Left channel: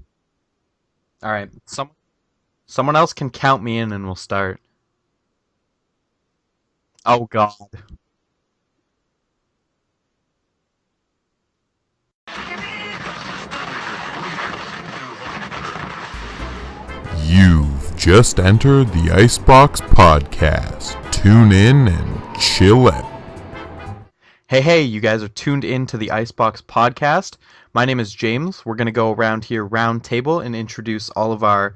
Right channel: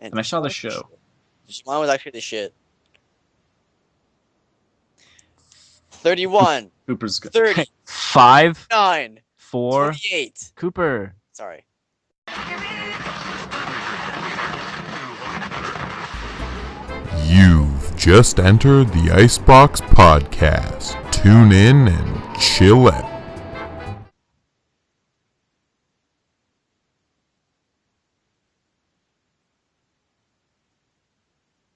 And I saw the show. All right. Shimon was actually the shit. Someone else can count me in, and we'll start. 31. Cooper's Oh god. 30. 5, 9. 4. 28. Cooper. Sorry. You've just entered the IceBox podcast. Tune in and chill out. Hey, you guys are tuned in to the IceBox podcast. My name is James. We're going to go around here round table and introduce all of our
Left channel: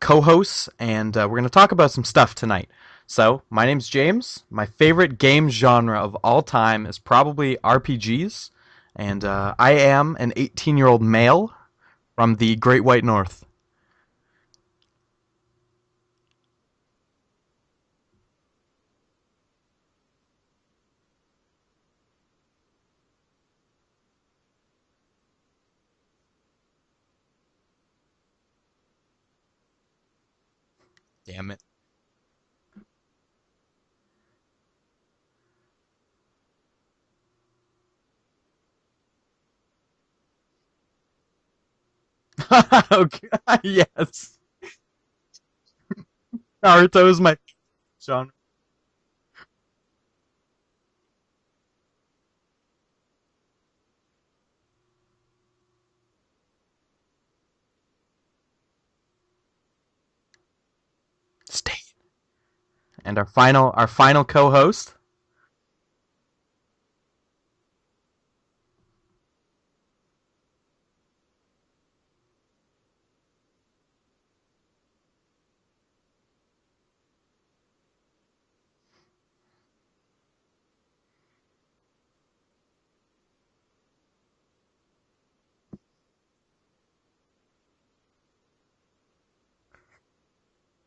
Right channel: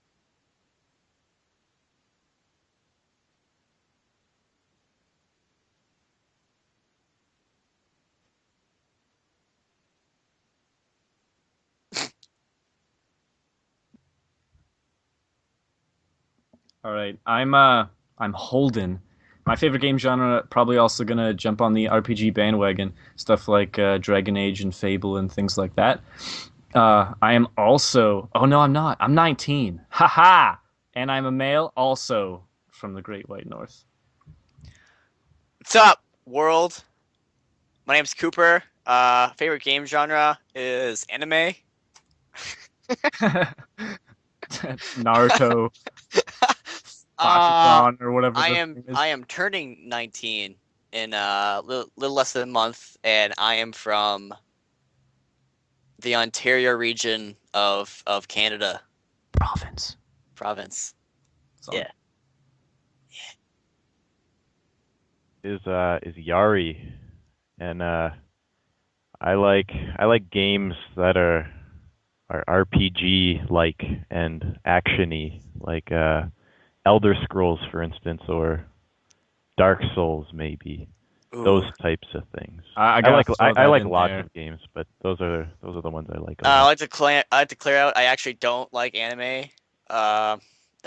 co-hosts, and we're going to talk about some stuff tonight. So, my name's James. My favorite game genre of all time is probably RPGs, and I am an 18-year-old male from the Great White North. All right, I'm Holden. My favorite game genre, probably also gonna jump on the RPG bandwagon, stuff like Dragon Age and Fable and things like that. I am also. Oh no, I'm not. I'm 19. Haha. And I'm a male, also from the Great White North. What's up, world? My name's Cooper. Favorite game genre is anime. Okay. Yes. Naruto. Naruto's my Dawn or whatever. I the am thing is. I am turning 19 in a little less than a month, and I am from the Ontario region of Canada. Province. State. Yeah. And our final co-host is Yari, and I like games that are RPG like and actiony, like Elder Scrolls, for instance, or Dark Souls, maybe. Ooh. Those types of things. I like lots of games, but those are the ones I like. I like to clear out. I actually don't like anime. That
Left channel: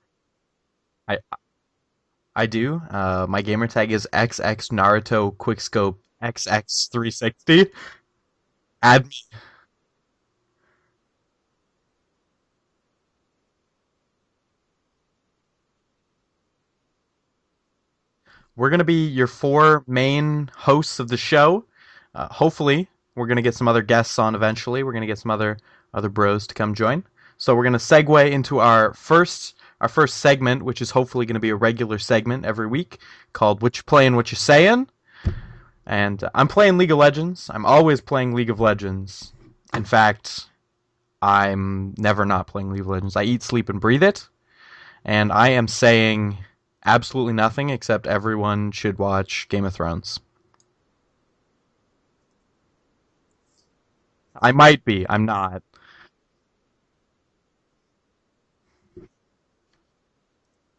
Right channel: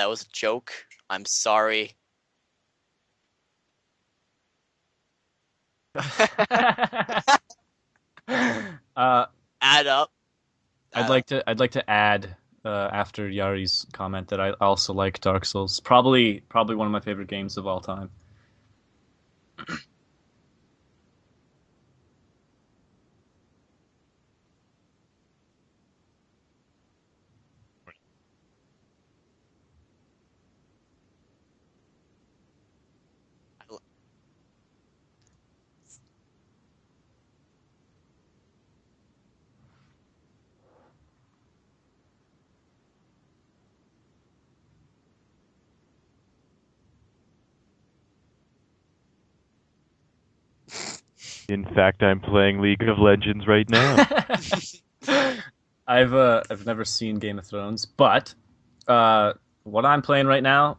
was a joke. I'm sorry. I do. My gamer tag is XX Naruto Quickscope XX360. Add up. I'd like to add after Yari's comment that I also like Dark Souls. Probably one of my favorite games of all time. We're gonna be your four main hosts of the show. Hopefully, we're gonna get some other guests on eventually. We're gonna get some other bros to come join. So we're gonna segue into our first segment, which is hopefully gonna be a regular segment every week, called "What You Playing, What You Saying." And I'm playing League of Legends. I'm always playing League of Legends. In fact, I'm never not playing League of Legends. I eat, sleep, and breathe it. And I am saying absolutely nothing except everyone should watch Game of Thrones. In fact, I'm playing League of Legends right now. I might be. I'm not. I've never seen Game of Thrones, but what I'm playing right now,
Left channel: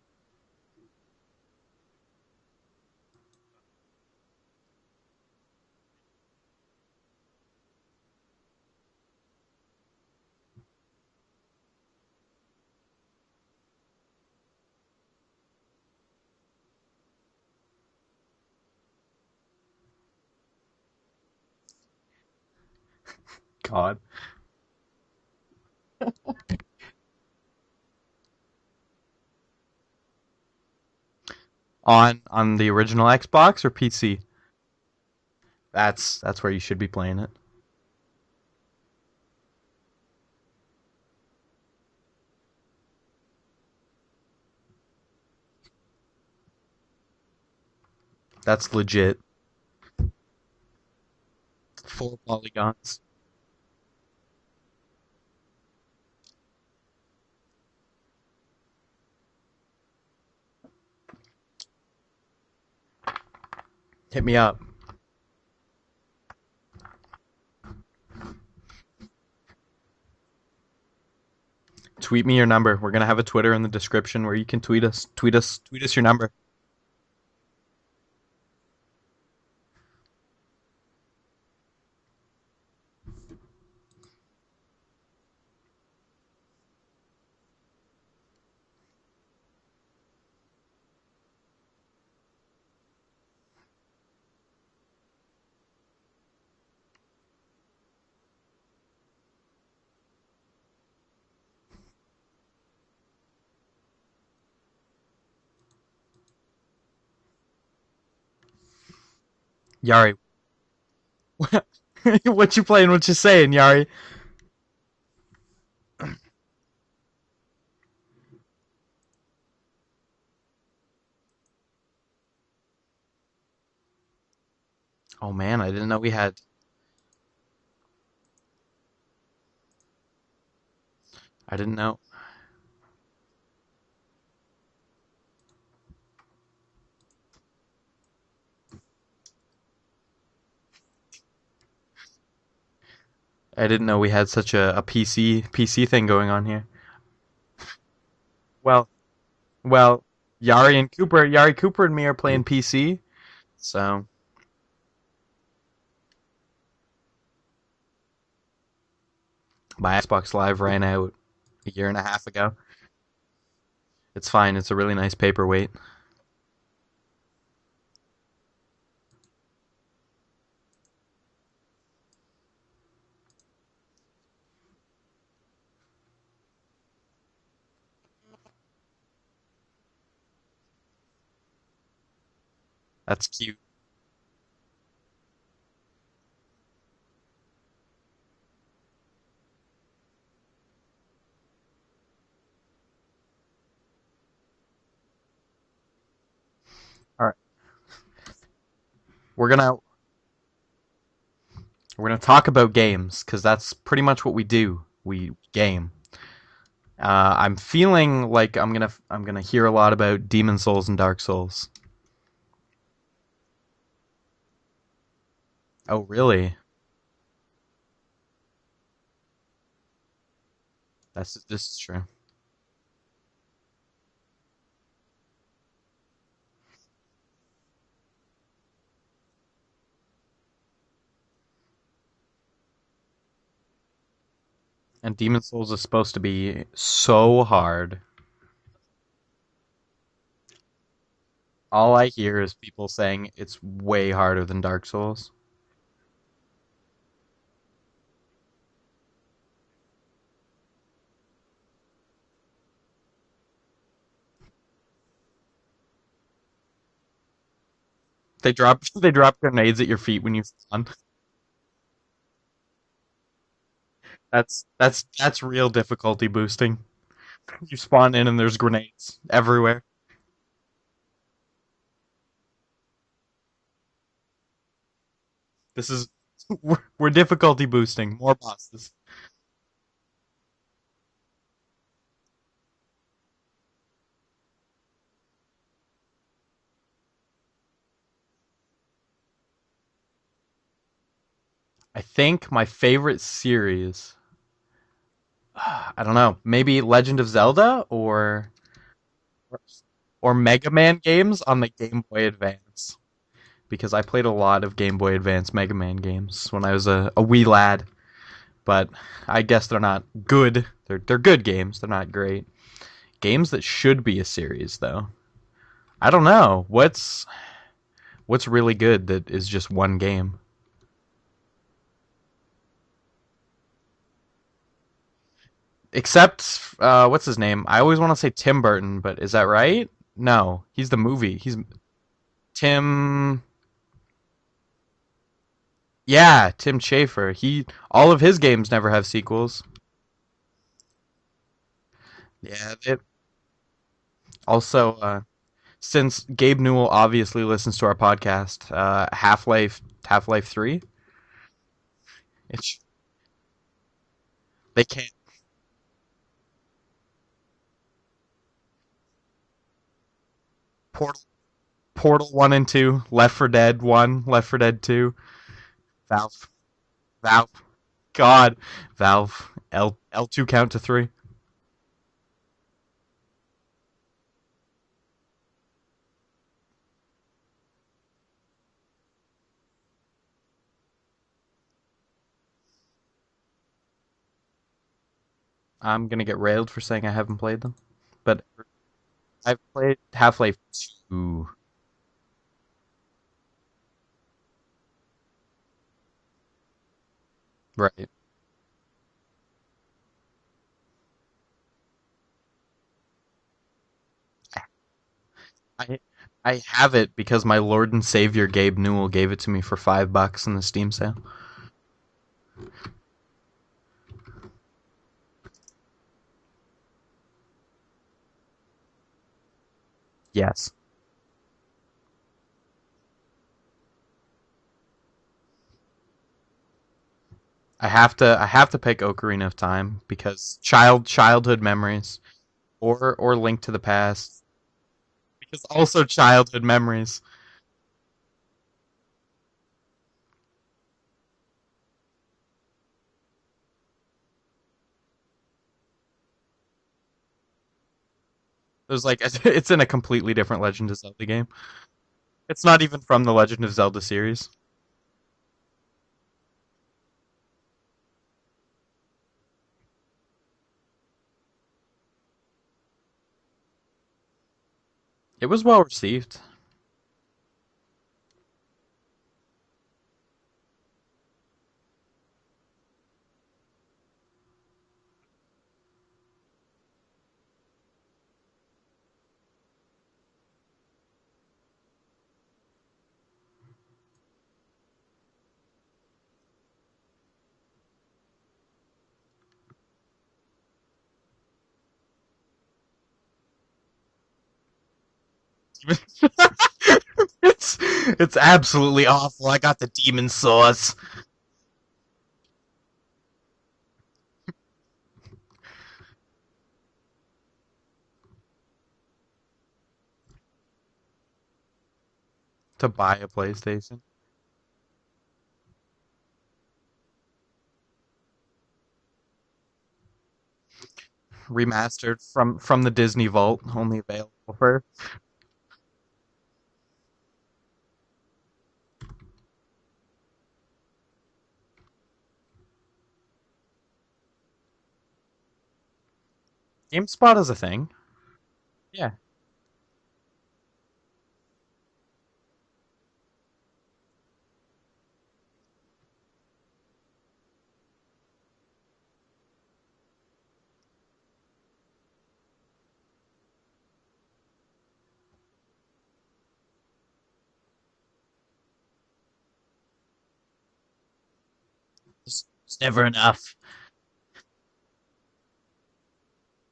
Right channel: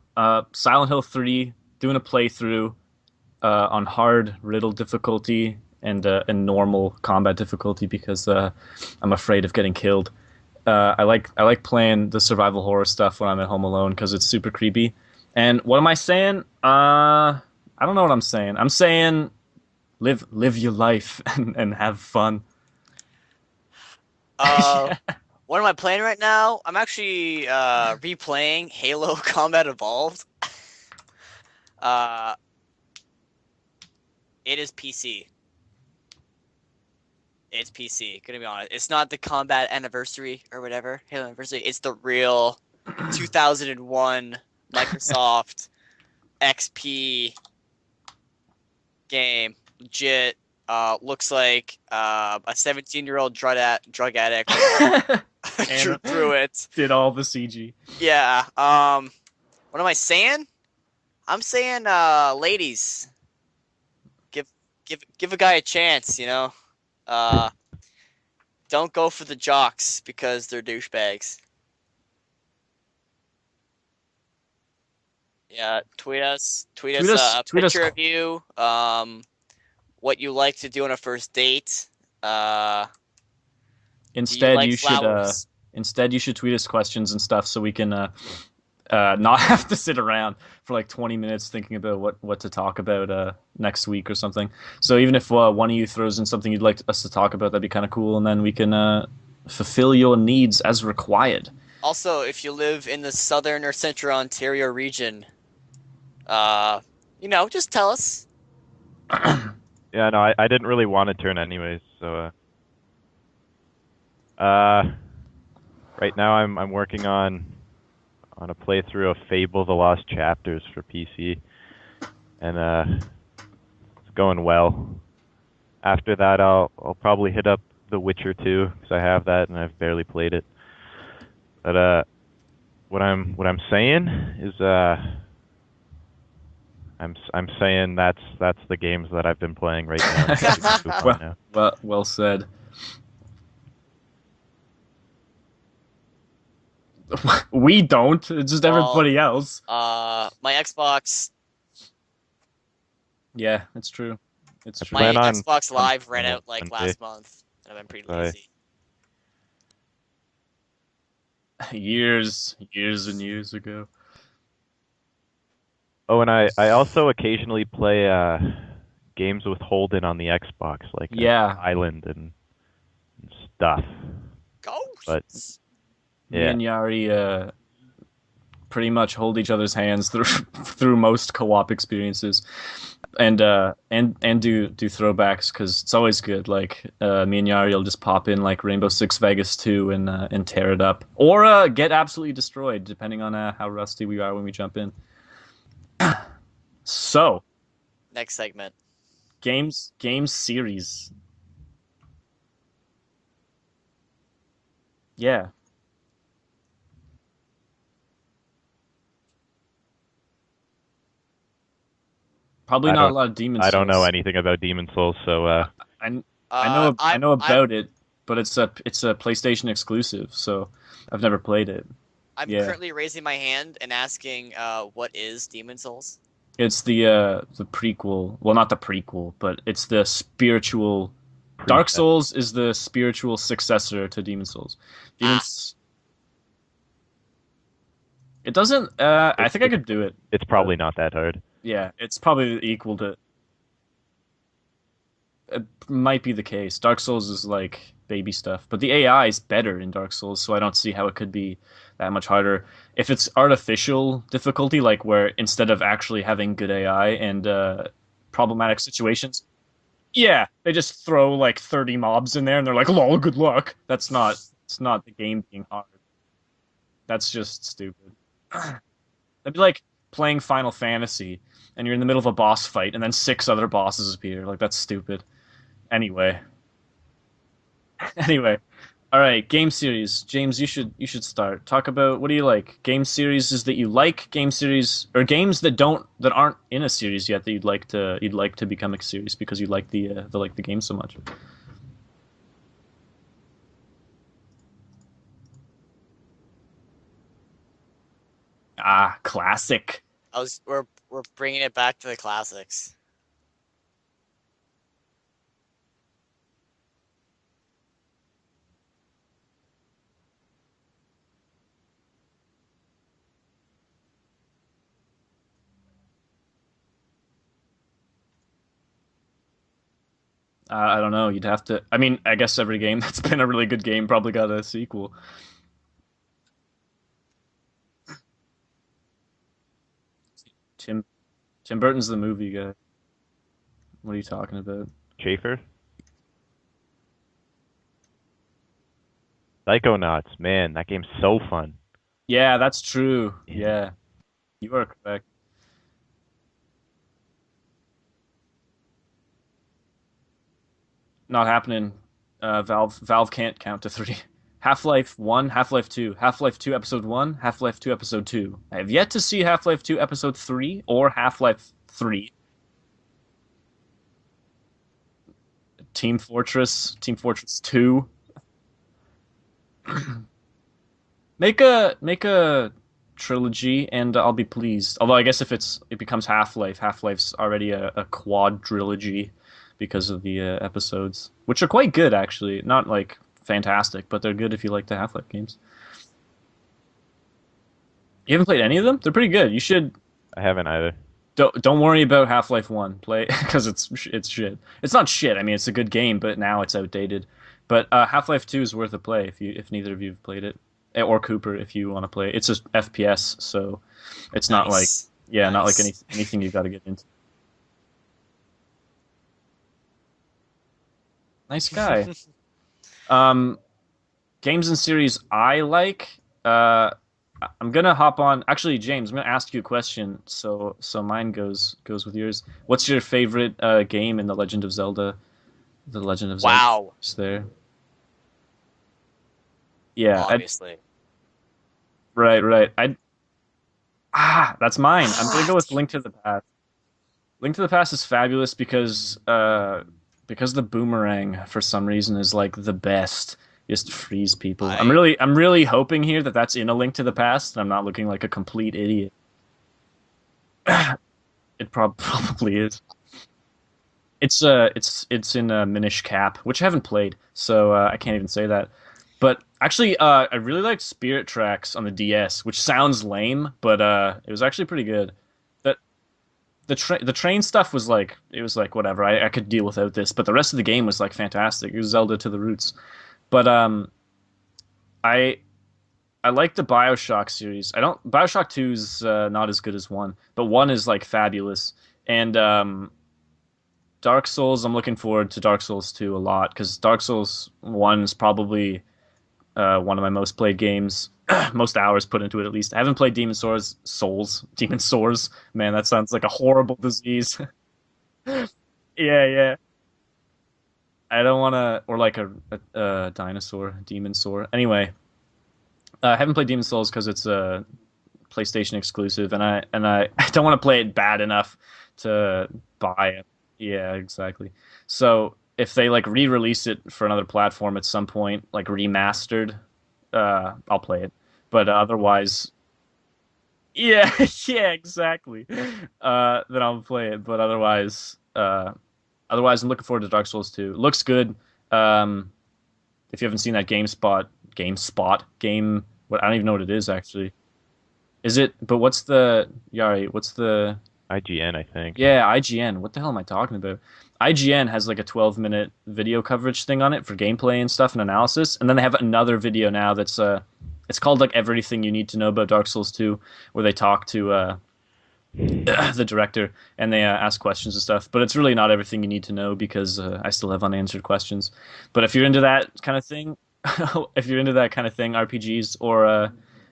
Silent Hill 3, doing a playthrough on hard riddle difficulty and normal combat difficulty because I'm afraid of getting killed. I like playing the survival horror stuff when I'm at home alone because it's super creepy. And what am I saying? I don't know what I'm saying. I'm saying live your life and have fun. God. What am I playing right now? I'm actually replaying Halo Combat Evolved. On the original Xbox or PC? It is PC. That's where you should be playing it. It's PC. Gonna be honest. It's not the Combat Anniversary or whatever. Halo Anniversary. It's the real 2001 Microsoft XP. That's legit. Game. Legit. Looks like a 17-year-old drug addict drew through it. Did all the CG. Yeah. What am I saying? I'm saying, ladies, Hit me up. give a guy a chance. You know. Don't go for the jocks because they're douchebags. Tweet me your number. We're gonna have a Twitter in the description where you can tweet us. Tweet us your number. Tweet us a picture of you. What you like to do on a first date. Instead, you should tweet us questions and stuff so we can not have to sit around for like 20 minutes thinking about what to talk about next week or something. So even if one of you throws in something you'd like us to talk about, that'd be kind of cool, and then we can fulfill your needs as required. Also, if you live in the southern or central Ontario region, just tell us. Yari. Yeah, no, I didn't really want to turn anyways. So, what you playing? What you saying, Yari? Right now, I'm working on a playthrough of Fable: The Lost Chapters for PC, and it's going well. Oh man, I didn't know we After had. that, I'll probably hit up The Witcher 2 because I have that and I've barely played it. I didn't But know. what I'm saying is I'm saying that's the games that I've been playing right now. Well said. I didn't know we had such a PC thing going on here. We don't. It's just Well- everybody else. Well, my Xbox, Yari Cooper and me are playing PC. Yeah, So- that's true. It's true. my plan on Xbox Live ran on out like Wednesday. last month, and I've been pretty Right. lazy. My Xbox Live ran out a year and a half ago. Years and years ago. It's fine. It's a really nice paperweight. Oh, and I also occasionally play games with Holden on the Xbox, like Yeah. Island and stuff. Ghosts. But- Me Yeah. and Yari pretty much hold each other's hands through through most co-op experiences, That's and do throwbacks because it's always good. Like me and Yari will just pop in like Rainbow Six Vegas 2 and tear it up, or get absolutely destroyed depending on how rusty we are when we jump in. So Next segment. we're gonna games series. talk about games because that's pretty much what we do. We Yeah. game. I'm feeling like I'm gonna hear a lot about Demon Souls and Dark Souls. Probably I not a don't- lot of Demon I Souls. don't know anything about Demon Souls, so Oh I- really? I know I'm- about it, but it's a PlayStation exclusive, so I've never played This is it. true. I'm Yeah. currently raising my hand and asking, what is Demon Souls? It's the prequel. Well, not the prequel, but it's the spiritual. Dark Souls is the spiritual successor to Demon Souls. And Demon Ah. Souls is supposed to be so hard. It doesn't. I think I could do it. it's probably not that hard. Yeah, All I it's hear probably is people equal. saying it's way harder than Dark Souls. It might be the case. Dark Souls is like baby stuff, but the AI is better in Dark Souls, so I don't see how it could be that much harder. If it's artificial difficulty, like where instead of actually having good AI and They problematic drop situations, grenades at your feet. yeah, and they just throw like 30 mobs in there, and they're like, "Lol, good luck." That's not. it's not the that's game real design. difficulty boosting. That's just You stupid. spawn in and there's grenades It's everywhere. like playing Final Fantasy, and you're in the middle of a boss fight, and then 6 other bosses appear. Like that's stupid. This is Anyway, we're difficulty boosting. More Anyway. bosses. all right, game series. James, you should start. Talk about what do you like? Game series that you like, game series or games that aren't in a series yet that you'd like to become a series because you like the game so much. I think my favorite series. I don't know. Maybe Legend of Zelda or Classic. Oh, Mega we're Man games bringing on the it back Game to the Boy classics. Advance. Because I played a lot of Game Boy Advance Mega Man games when I was a wee lad. But I guess they're not good. They're good games. They're not great. Games that should be a series though. I don't know. What's really good that is just one game? I don't know. You'd have to. I mean, I guess every game that's been a really good game probably got a sequel. Except what's his name? I always want to say Tim Burton, but is that right? No, he's the Tim- movie. He's Tim Burton's the movie guy. Tim. What are you talking about? Schaefer? Yeah, Tim Schafer. All of his games never have sequels. Psychonauts, man, that game's so fun. Yeah, Yeah, that's it- true. Yeah. Also, since Gabe Newell obviously listens to our podcast, Half-Life 3. Not happening. Valve can't count to 3. Half-Life 1, Half-Life 2, Half-Life 2 Episode 1, Half-Life 2 Episode 2. I have yet to see Half-Life 2 Episode 3 or Half-Life 3. Portal 1 and 2, Left 4 Dead 1, Left 4 Dead 2. Team Valve. Fortress Valve. 2. God, Valve L2 count to 3. Make a trilogy and I'll be pleased. Although I guess if it becomes Half-Life's already a quadrilogy because of the episodes, which are quite good actually. Not like fantastic, but they're good if you like the Half-Life games. I'm gonna get railed for saying I haven't played them. You haven't played any of them? They're pretty good. I've You should. played Half-Life. I haven't either. 2. Don't worry about Half-Life 1. Play because it's shit. It's not shit. I mean, it's a good game, but now it's outdated. But Right. Half-Life 2 is worth a play if neither of you have played it, or Cooper if you want to play. It's just FPS, so it's not like Nice. not like Nice. anything you've I got to have it because my Lord and Savior Gabe Newell gave it to me for $5 in the Steam sale. Nice guy. games and series I like. I'm gonna hop on. Actually, James, I'm gonna ask you a question. Yes. So mine goes with yours. What's your favorite game in the Legend of Zelda? The Legend of Zelda. Wow. Is there? I have to pick Ocarina of Time Yeah, because Obviously. childhood memories, right. or Link to the Past. That's mine. I'm gonna go It's with Link to Also the Past. childhood memories. Link to the Past is fabulous because the boomerang for some reason is like the best. Just freeze people. I'm really hoping here that that's in a Link to the Past. And I'm not looking like a complete It was idiot. like it's in a completely different Legend of Zelda game. It probably It's is. not even from the Legend of Zelda series. It's in Minish Cap, which I haven't played, so I can't even say that. But actually, I really liked Spirit Tracks on the DS, which sounds lame, but it was actually pretty good. It was But well received. the train stuff was like it was like whatever. I could deal without this, but the rest of the game was like fantastic. It was Zelda to the roots. But I I like the BioShock series. I don't BioShock 2's not as good as 1, but 1 is like fabulous. And Dark Souls, I'm looking forward to Dark Souls 2 a lot because Dark Souls 1 is probably one of my most played games, most hours put into it at least. I haven't played Demon Sores. Man, that sounds like a horrible disease. It's absolutely Yeah, awful. yeah. I got the demon sauce. I don't want to, or like a dinosaur, demon sore. Anyway, I haven't played Demon Souls because it's a PlayStation exclusive, and I don't want to play it bad enough to To buy it. a PlayStation. Yeah, exactly. So if they like re-release it for another platform at some point, like remastered, I'll play it. But Remastered otherwise, from the Disney Vault. Only yeah, the yeah, first. exactly. Then I'll play it. But otherwise, I'm looking forward to Dark Souls 2. Looks good. If you haven't seen that game, what I don't even know what it is actually. GameSpot is a thing. Is it? But what's Yeah. the Yari? What's the IGN, I think. yeah IGN? What the hell am I talking about? IGN has like a 12-minute video coverage thing on it for gameplay and stuff and analysis, and then they have another video now that's it's called like Everything You Need to Know About Dark Souls 2, where they talk to the director and they ask questions and stuff. But it's really not everything you need to know because I still have unanswered questions. But if you're into that kind Never of thing, enough. if you're into that kind of thing, RPGs, or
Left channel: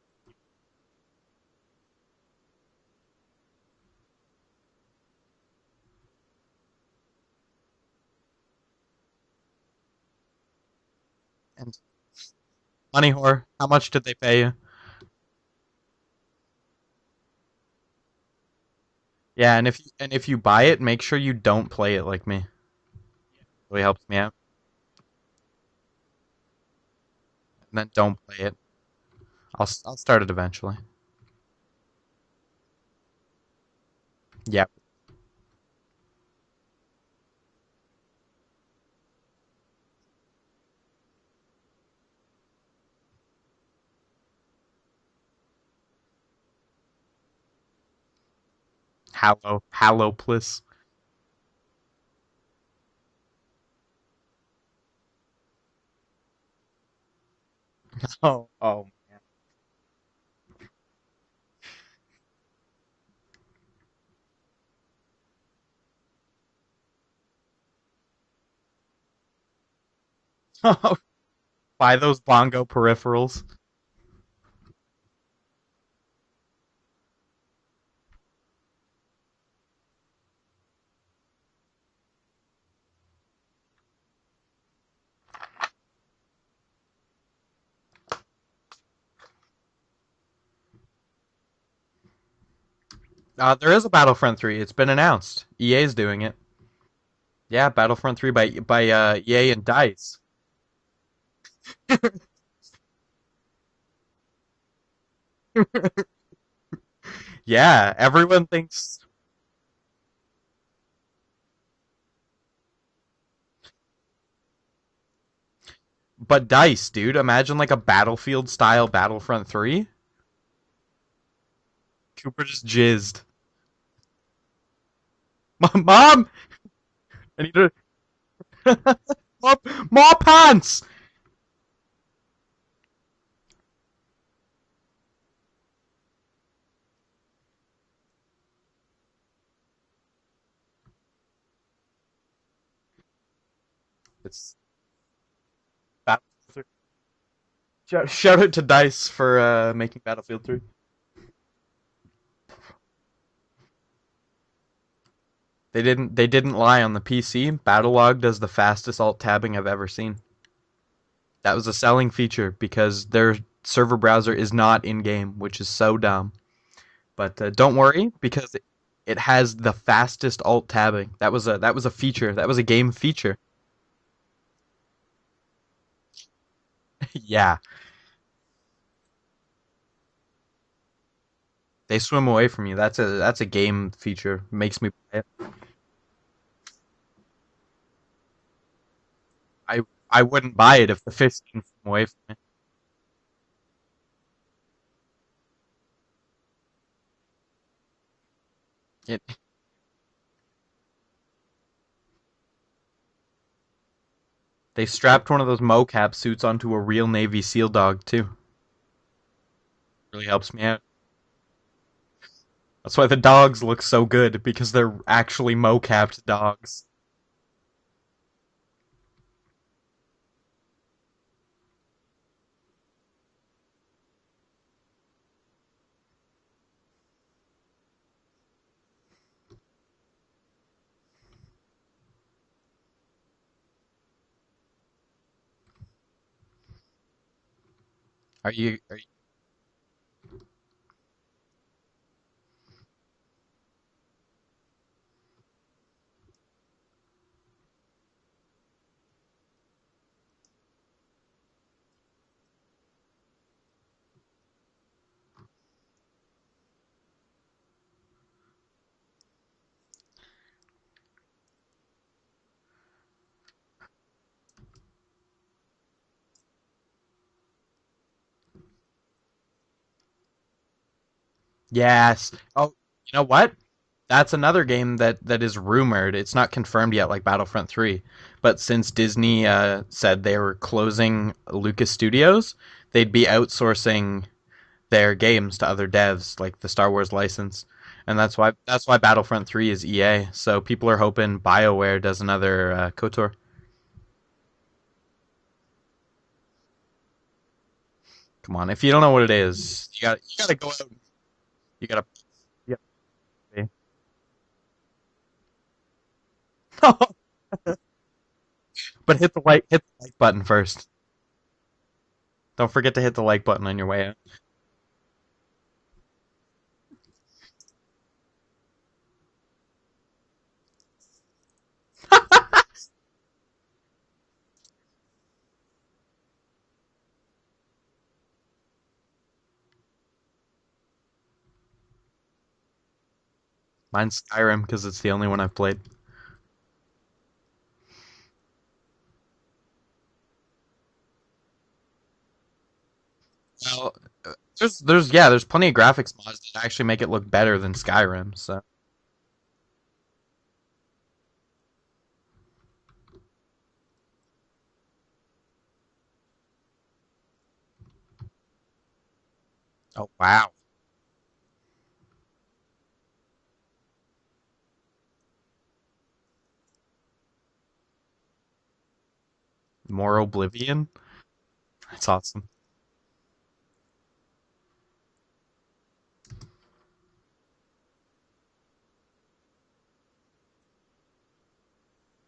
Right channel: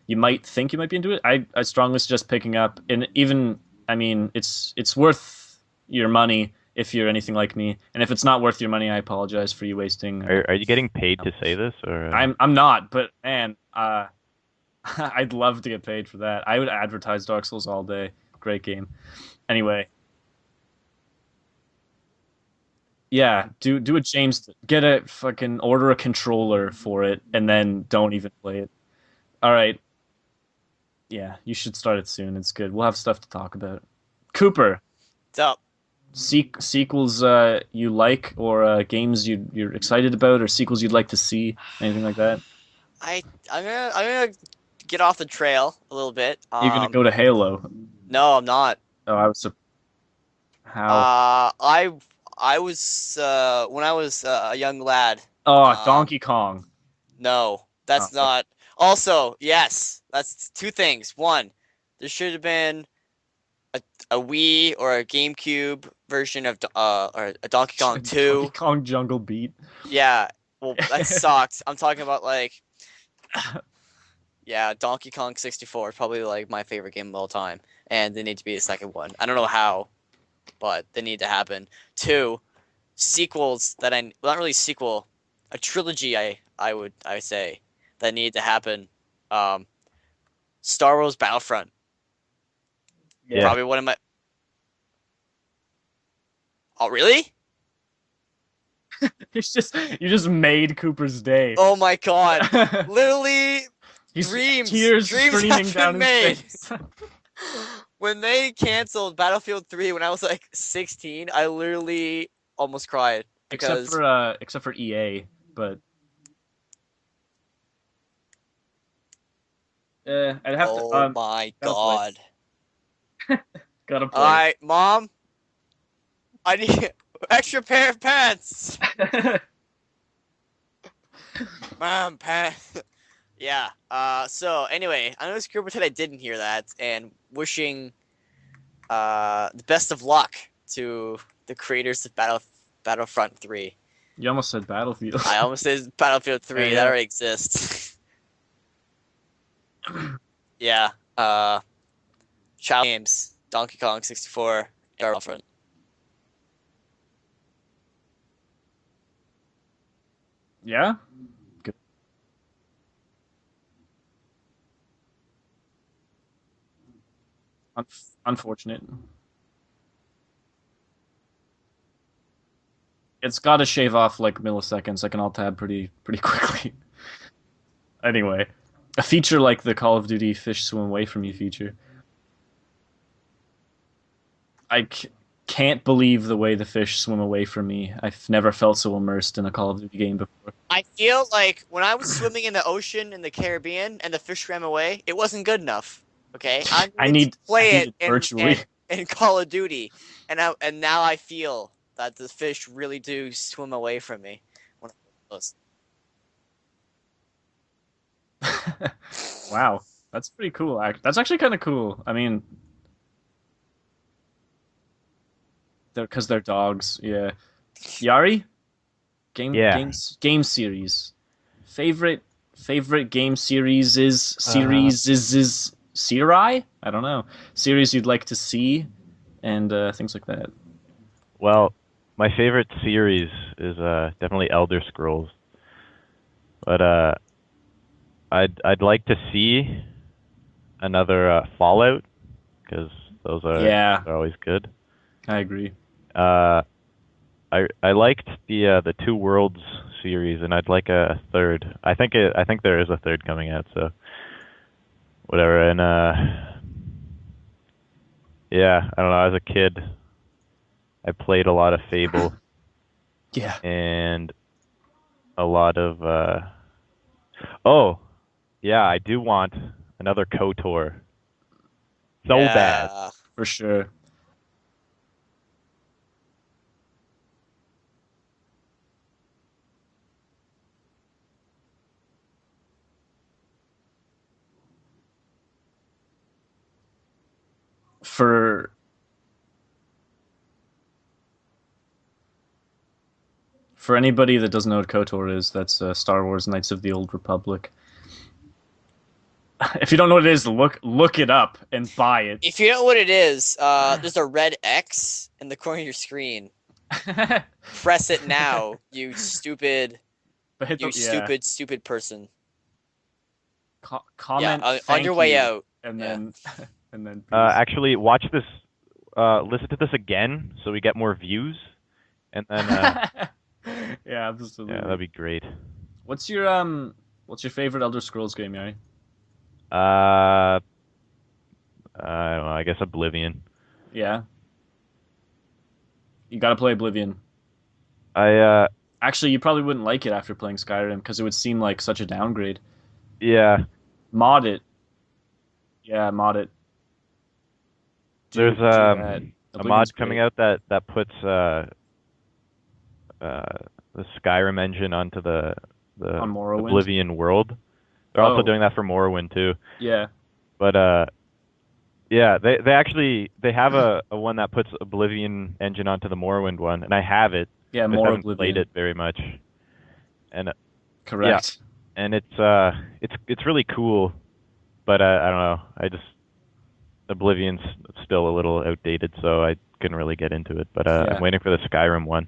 you might think you might be into it, I strongly suggest picking up. And even I mean, it's worth your money if you're anything like me. And if it's not worth your money, I apologize for you wasting. Are you getting paid to say this, or? I'm not. But Money whore. man, How much did they pay you? I'd love to get paid for that. I would advertise Dark Souls all day. Great game. Yeah, Anyway. and if you buy it, make sure you don't play it like me. Yeah, Really do helped what me out. James did. Get a fucking order a controller for it and then Then don't don't even play it. play it. All right. I'll start it eventually. Yeah, you should start it soon. It's good. We'll have stuff to talk about. Cooper, What's up? sequels you like or games you're excited about or sequels you'd like to see, anything like that? I'm gonna get off the trail a little bit. You're gonna go to Halo. No, I'm not. Oh, Hallow Pliss. how? I was when I was a young lad. Donkey Kong. No, that's Oh, not. oh. Also, yes, that's two things. One, there should have been a Wii or a GameCube version of or a Donkey Kong 2. Donkey Kong Jungle Beat. Yeah, that sucked. I'm Buy talking those about like bongo peripherals. yeah, Donkey Kong 64 is probably like my favorite game of all time, and there need to be a second one. I don't know how, but they need to happen. Two, sequels that well, not really sequel, a trilogy. I would say that need to happen. Star Wars Battlefront. Yeah. Probably There one is of a my- Battlefront 3. It's been announced. EA's doing it. Oh really? Yeah, Battlefront 3 by EA and DICE. You just made Cooper's day. Oh my god! Literally, He's dreams tears have streaming down been his made. face. Yeah, When everyone they thinks. canceled Battlefield 3 when I was like 16, I literally almost cried because except for EA, but But DICE, dude, imagine like a Battlefield style Battlefront 3. I'd have oh to. my gotta play. god! Cooper just jizzed. Gotta play. All right, Mom, Mom, I need extra Just- pair of pants. more pants. Mom, pants. Yeah. So anyway, I know Cooper said I didn't hear that, and wishing the best of luck to the creators of Battlefront 3. You almost said Battlefield. I almost said Battlefield 3. Yeah. That already exists. Shout out to Dice for making Battlefield 3. Yeah. Child games. Donkey Kong 64. Battlefront. They didn't lie on the PC. Battlelog does the fastest alt tabbing I've ever seen. Yeah? That was a selling feature because their server browser is not in game, which is so dumb. But don't worry because Unfortunate. it has the fastest alt tabbing. That was a feature. That was a game feature. It's got to shave off like milliseconds. I can alt tab pretty quickly. Yeah, Anyway, a feature like the Call of Duty fish swim away from you feature. they swim away from you. That's a game feature. Makes I me play it. Can't believe the way the fish swim away from me. I've never felt so immersed in a Call of Duty game. I wouldn't buy it if the feel fish like swam when I away was from me. swimming in the ocean in the Caribbean and the fish swam away, it wasn't good enough. Okay, I needed need to play I need it in, virtually. in Call of Duty, and now I feel that the fish really do swim away from me. They strapped one of those mocap suits onto a real Navy SEAL dog too. Wow, that's helps pretty me cool. That's actually kind of cool. I mean, That's why the dogs look so good because they're actually mocapped because they're dogs. Yeah. Yari, Yeah. game series. Favorite game series is Serai? I don't know. Series you'd like to see, and things like that. Well, my favorite series is definitely Elder Scrolls, but I'd like to see another Fallout because those Yeah, are always good. I agree. I liked the Two Worlds series, and I'd like a third. I think there is a third coming out, so whatever. And yeah, I don't know. As a kid, I played a lot of Fable Yeah. and a lot of oh, yeah, I do want another KOTOR. Yeah, so Yeah. bad. You know For what? sure. That's another game that is rumored. It's not confirmed yet, like Battlefront 3. But since Disney said they were closing Lucas Studios, they'd be outsourcing their games to other devs, like the Star Wars license. And that's why Battlefront 3 is EA. So people are hoping BioWare does another KOTOR. For anybody that doesn't know what KOTOR is, that's Star Wars Knights of the Old Republic. Come on, if you don't know what it is, If you don't know what it is, gotta look it up and You gotta- buy it. If you know what it is, there's a red X in the corner of your screen. Press it now, you But hit the like stupid, button first. Hit the- yeah. stupid person. Don't forget to hit the like button on your way out. Comment on thank your way you, out. and Yeah. then and then Actually, watch this. Listen to this again, so we get more views. And then, yeah, absolutely. yeah, that'd be great. What's your favorite Elder Scrolls game, Yari? I don't know. I guess Oblivion. Mine's Skyrim because it's the only one I've played. You gotta play Oblivion. I Actually, you probably wouldn't like it after playing Skyrim because it would seem like such a downgrade. yeah. Mod it. There's plenty of graphics mod it. that actually make it look better than Skyrim. There's Do that. a Oblivion's mod coming great. out that puts the Skyrim engine onto the On Morrowind? Oblivion world. They're also Oh. doing that for Morrowind too. Yeah. Wow. But yeah, they actually have a one that puts Oblivion engine onto the Morrowind one, and I have it. Yeah, Just more haven't Oblivion. played it very much, More Oblivion. Correct. and That's it's really cool, but I don't know. Oblivion's still a little outdated, so I couldn't really get into it. But Yeah. I'm waiting for the Skyrim one.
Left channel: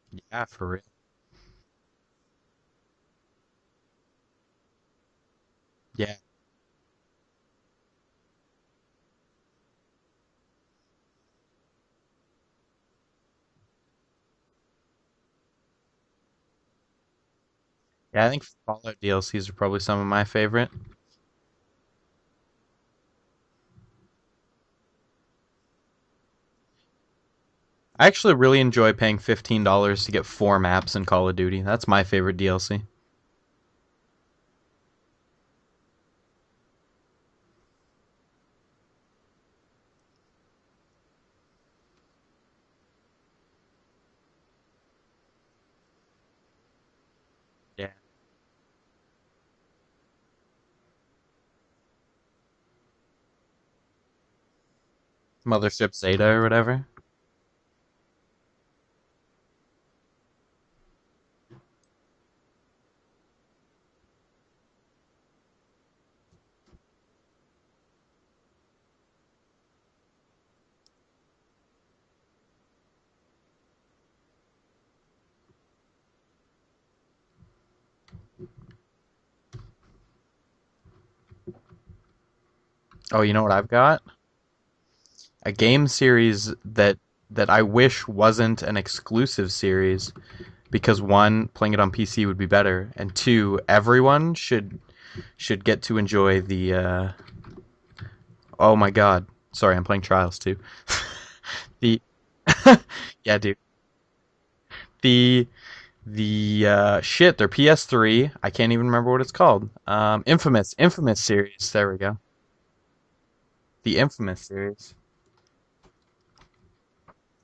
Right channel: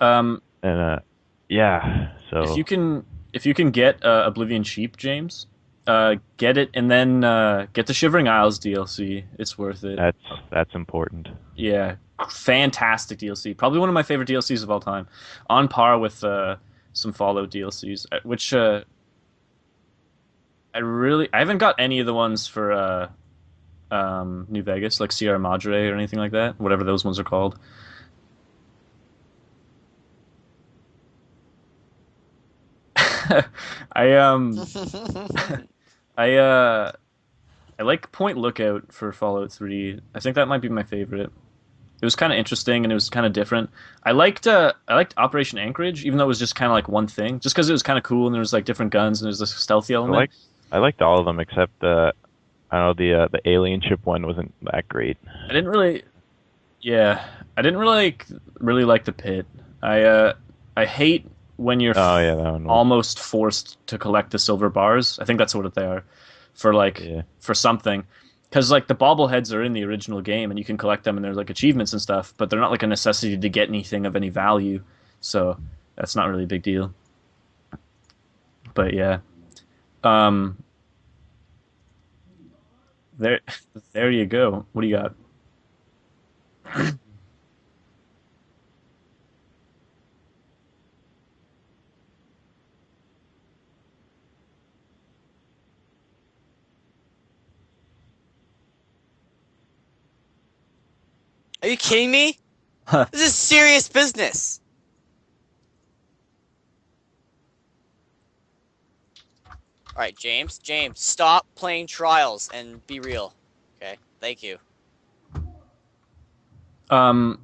Yeah, for real. And yeah, so If you can get Oblivion cheap, James, Yeah. get it and then get the Shivering Isles DLC. It's worth it. that's important. Yeah, fantastic DLC. Probably one of my favorite DLCs of all time, on par with some Fallout DLCs. Yeah, I think which Fallout DLCs are probably some of my favorite. I haven't got any of the ones for New Vegas, like Sierra Madre or anything like that. Whatever those ones are called. I actually really enjoy paying $15 to get 4 maps in Call of Duty. That's my favorite DLC. I like Point Lookout for Fallout 3. I think that might be my favorite. It was kind of interesting and it was kind of different. I liked Operation Anchorage, even though it was just kind of like one thing, just because it was kind of cool and there was like different guns and there's this stealthy element. I liked all of them except I don't know, the alien ship one wasn't that great. I didn't Mothership really- Zeta or whatever. Yeah, I didn't really like the pit. I I hate when you're Oh yeah, that one. almost forced to collect the silver bars. I think that's what they are for like Yeah. for something. Because like the bobbleheads are in the original game and you can collect them and there's like achievements and stuff, but they're not like a necessity to get anything of any value. So that's not really a big deal. But yeah. Um Oh, you there know what I've got? there you go. What do you got? A game series that I wish wasn't an exclusive series because one, playing it on PC would be better, and two, everyone should get to enjoy the oh my god. Sorry, I'm playing Trials too. Are you The- kidding me? yeah, This is dude. serious business. The shit, they're PS3. I can't even remember what it's called. Right, James. Infamous James, Infamous stop series. playing There we go. Trials and be real. Okay, The Infamous thank you. series. Um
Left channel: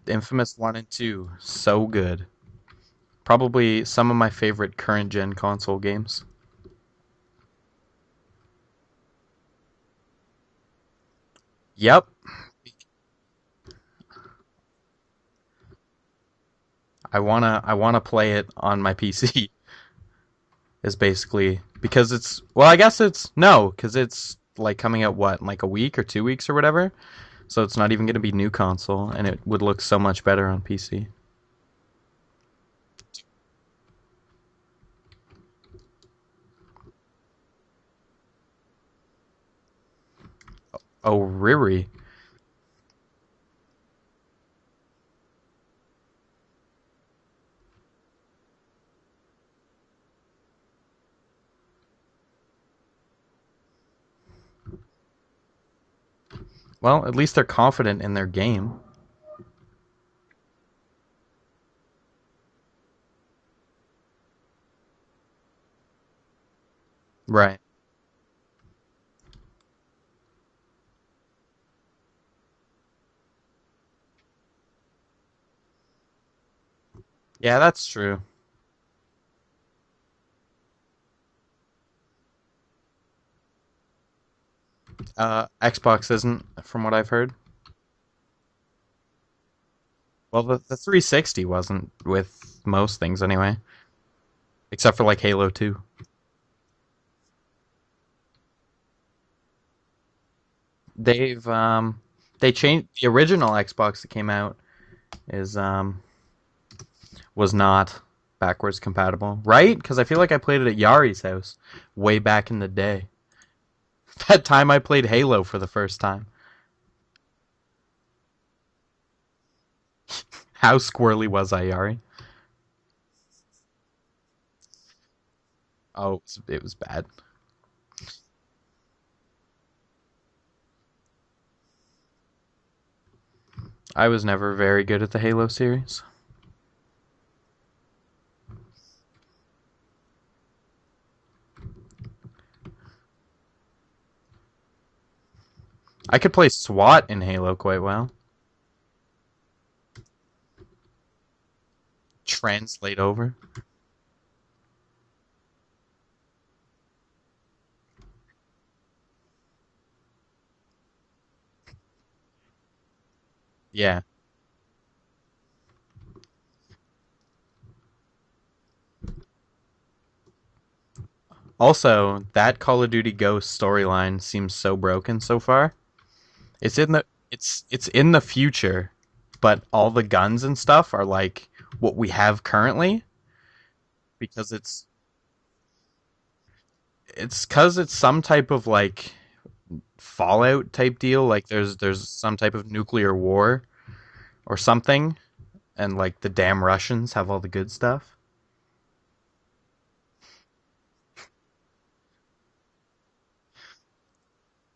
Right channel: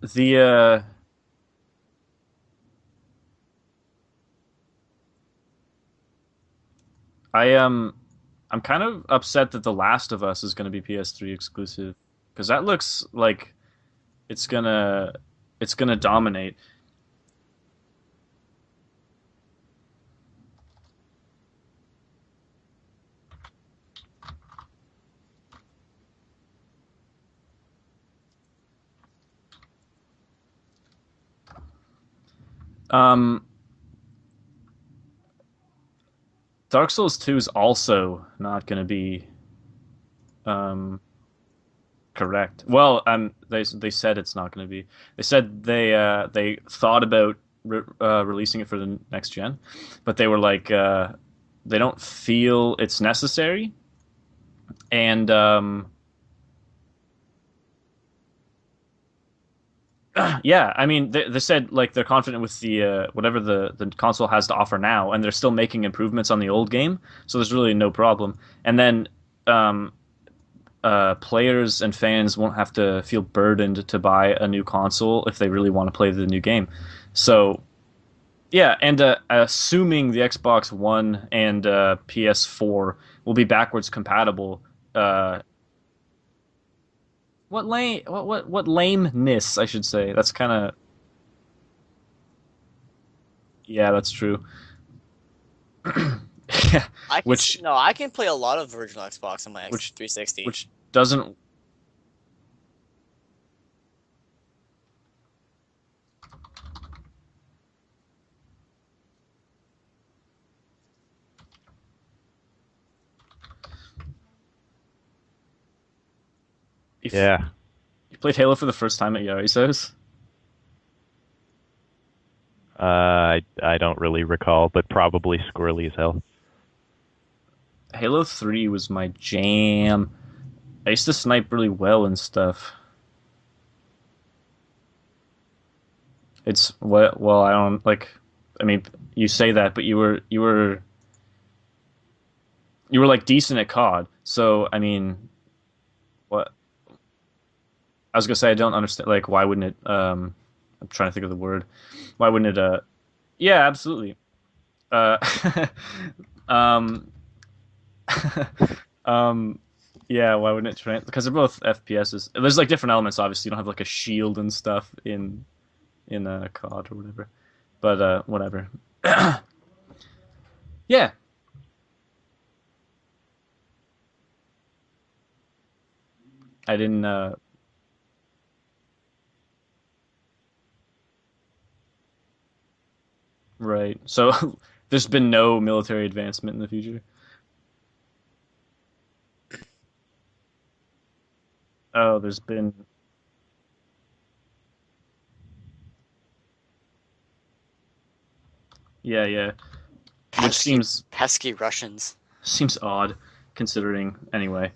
The the Infamous 1 and 2. So good. Probably some of my favorite current gen console games. I'm kind of upset that The Last of Us is going to be PS3 exclusive. Yep. Because that looks like it's gonna dominate. I wanna play it on my PC. Is basically because it's well, I guess it's no, because it's like coming out what, in like a week or 2 weeks or whatever. So it's not even gonna be new console, and it would look so much better on PC. Um, Dark Souls 2 is also not going to be Oh, Riri. correct. Well, they said it's not going to be. They said they thought about releasing it for the next gen, but they were like they don't feel it's necessary. And Well, at least they're confident in their game. yeah, I mean they said like they're confident with the whatever the console has to offer now, and they're still making improvements on the old game, so there's Right. really no problem. And then um, players and fans won't have to feel burdened to buy a new console if they really want to play the new game. Yeah, So that's true. yeah, and assuming the Xbox One and PS4 will be backwards compatible. Xbox isn't, from what I've heard. What lameness, I should say. That's Well, kind the of 360 wasn't with most things anyway, yeah, that's true. except for like Halo 2. Yeah, I can which no, I can play a lot of original Xbox on my which 360. which doesn't They changed the original Xbox that came out is was not backwards compatible, right? Because I feel like I played it at Yari's house way back in the day. That time I played Halo for the first time. if Yeah. you played Halo for the first time at Yari's house. How squirrely was I, Yari? I don't really recall, but probably squirrely as hell. It was bad. Halo 3 was my jam. I used to snipe really well and stuff. I was never very good at the Halo series. It's what well, I don't like I mean, you say that, but you were like decent at COD. So, I mean, I could play SWAT in Halo quite well. I was going to say I don't understand like why wouldn't it I'm trying to think of the word. Why wouldn't it Translate over? yeah, absolutely. Uh um yeah, why wouldn't it because they're both FPSs. There's like different elements obviously. You don't have like Yeah. a shield and stuff in COD or whatever. But whatever. Yeah. Also, that Call of Duty Ghost storyline seems so broken so far. It's I in the didn't, it's in the future, but all the guns and stuff are like what we have currently. right. So Because it's there's been no military advancement in the future. it's some type of like Fallout type deal. Like there's Oh, some there's type been- of nuclear war or something, and like the damn Russians have all the good stuff. Yeah, yeah. Pesky, Which pesky Russians. seems odd considering anyway.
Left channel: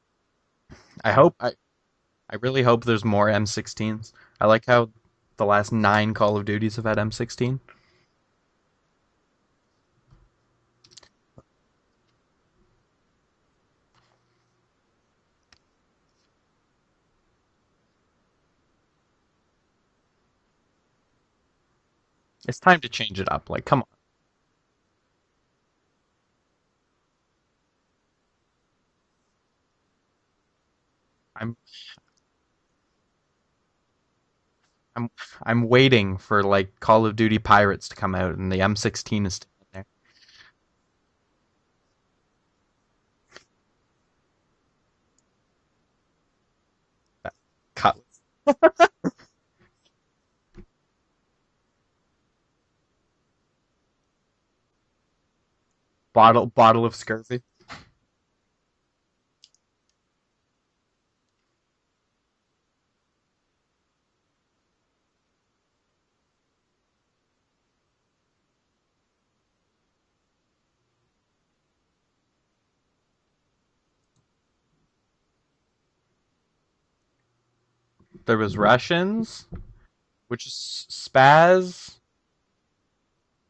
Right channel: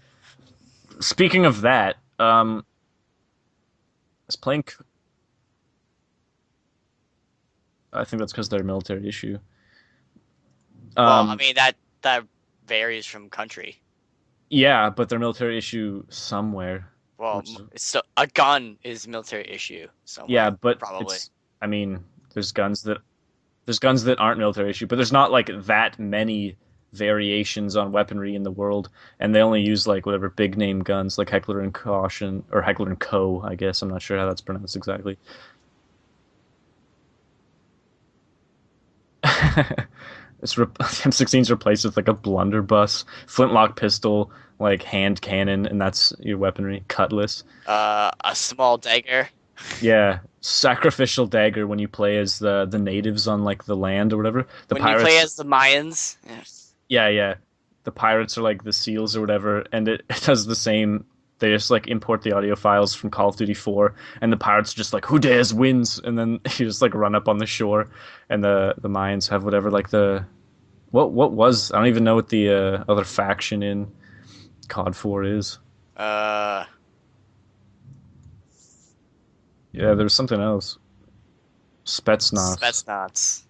I hope- Speaking of that, I really hope there's more M16s. I like how the last 9 Call of Duties have had M16. I think that's because they're a military issue. Well, I mean that varies from country. Yeah, but they're military issue somewhere. Well, Which- it's still, a gun is a military issue. Somewhere, Yeah, but probably. I mean, there's It's time guns to that change it up. Like, there's come on. guns that aren't military issue, but there's not like that many variations on weaponry in the world, and they only use like whatever big name guns, like Heckler and Caution or Heckler and Co. I guess I'm not sure how that's pronounced exactly. I'm waiting for like Call of Duty Pirates to come out and the M16. M16's replaced with like a blunderbuss, flintlock pistol, like hand cannon, and that's your weaponry. Cutlass. A small dagger. Yeah, sacrificial dagger when you play as the natives on like the land or whatever. The When pirates, you play as the Mayans. bottle of yeah, strictly. the pirates are like the seals or whatever, and it does the same. They just like import the audio files from Call of Duty 4, and the pirates are just like, who dares wins, and then you just like run up on the shore, and the Mayans have whatever like the what was I don't even know what the other faction in COD 4 is. There was Russians. Yeah, there was something else. Spetsnaz. Spetsnaz.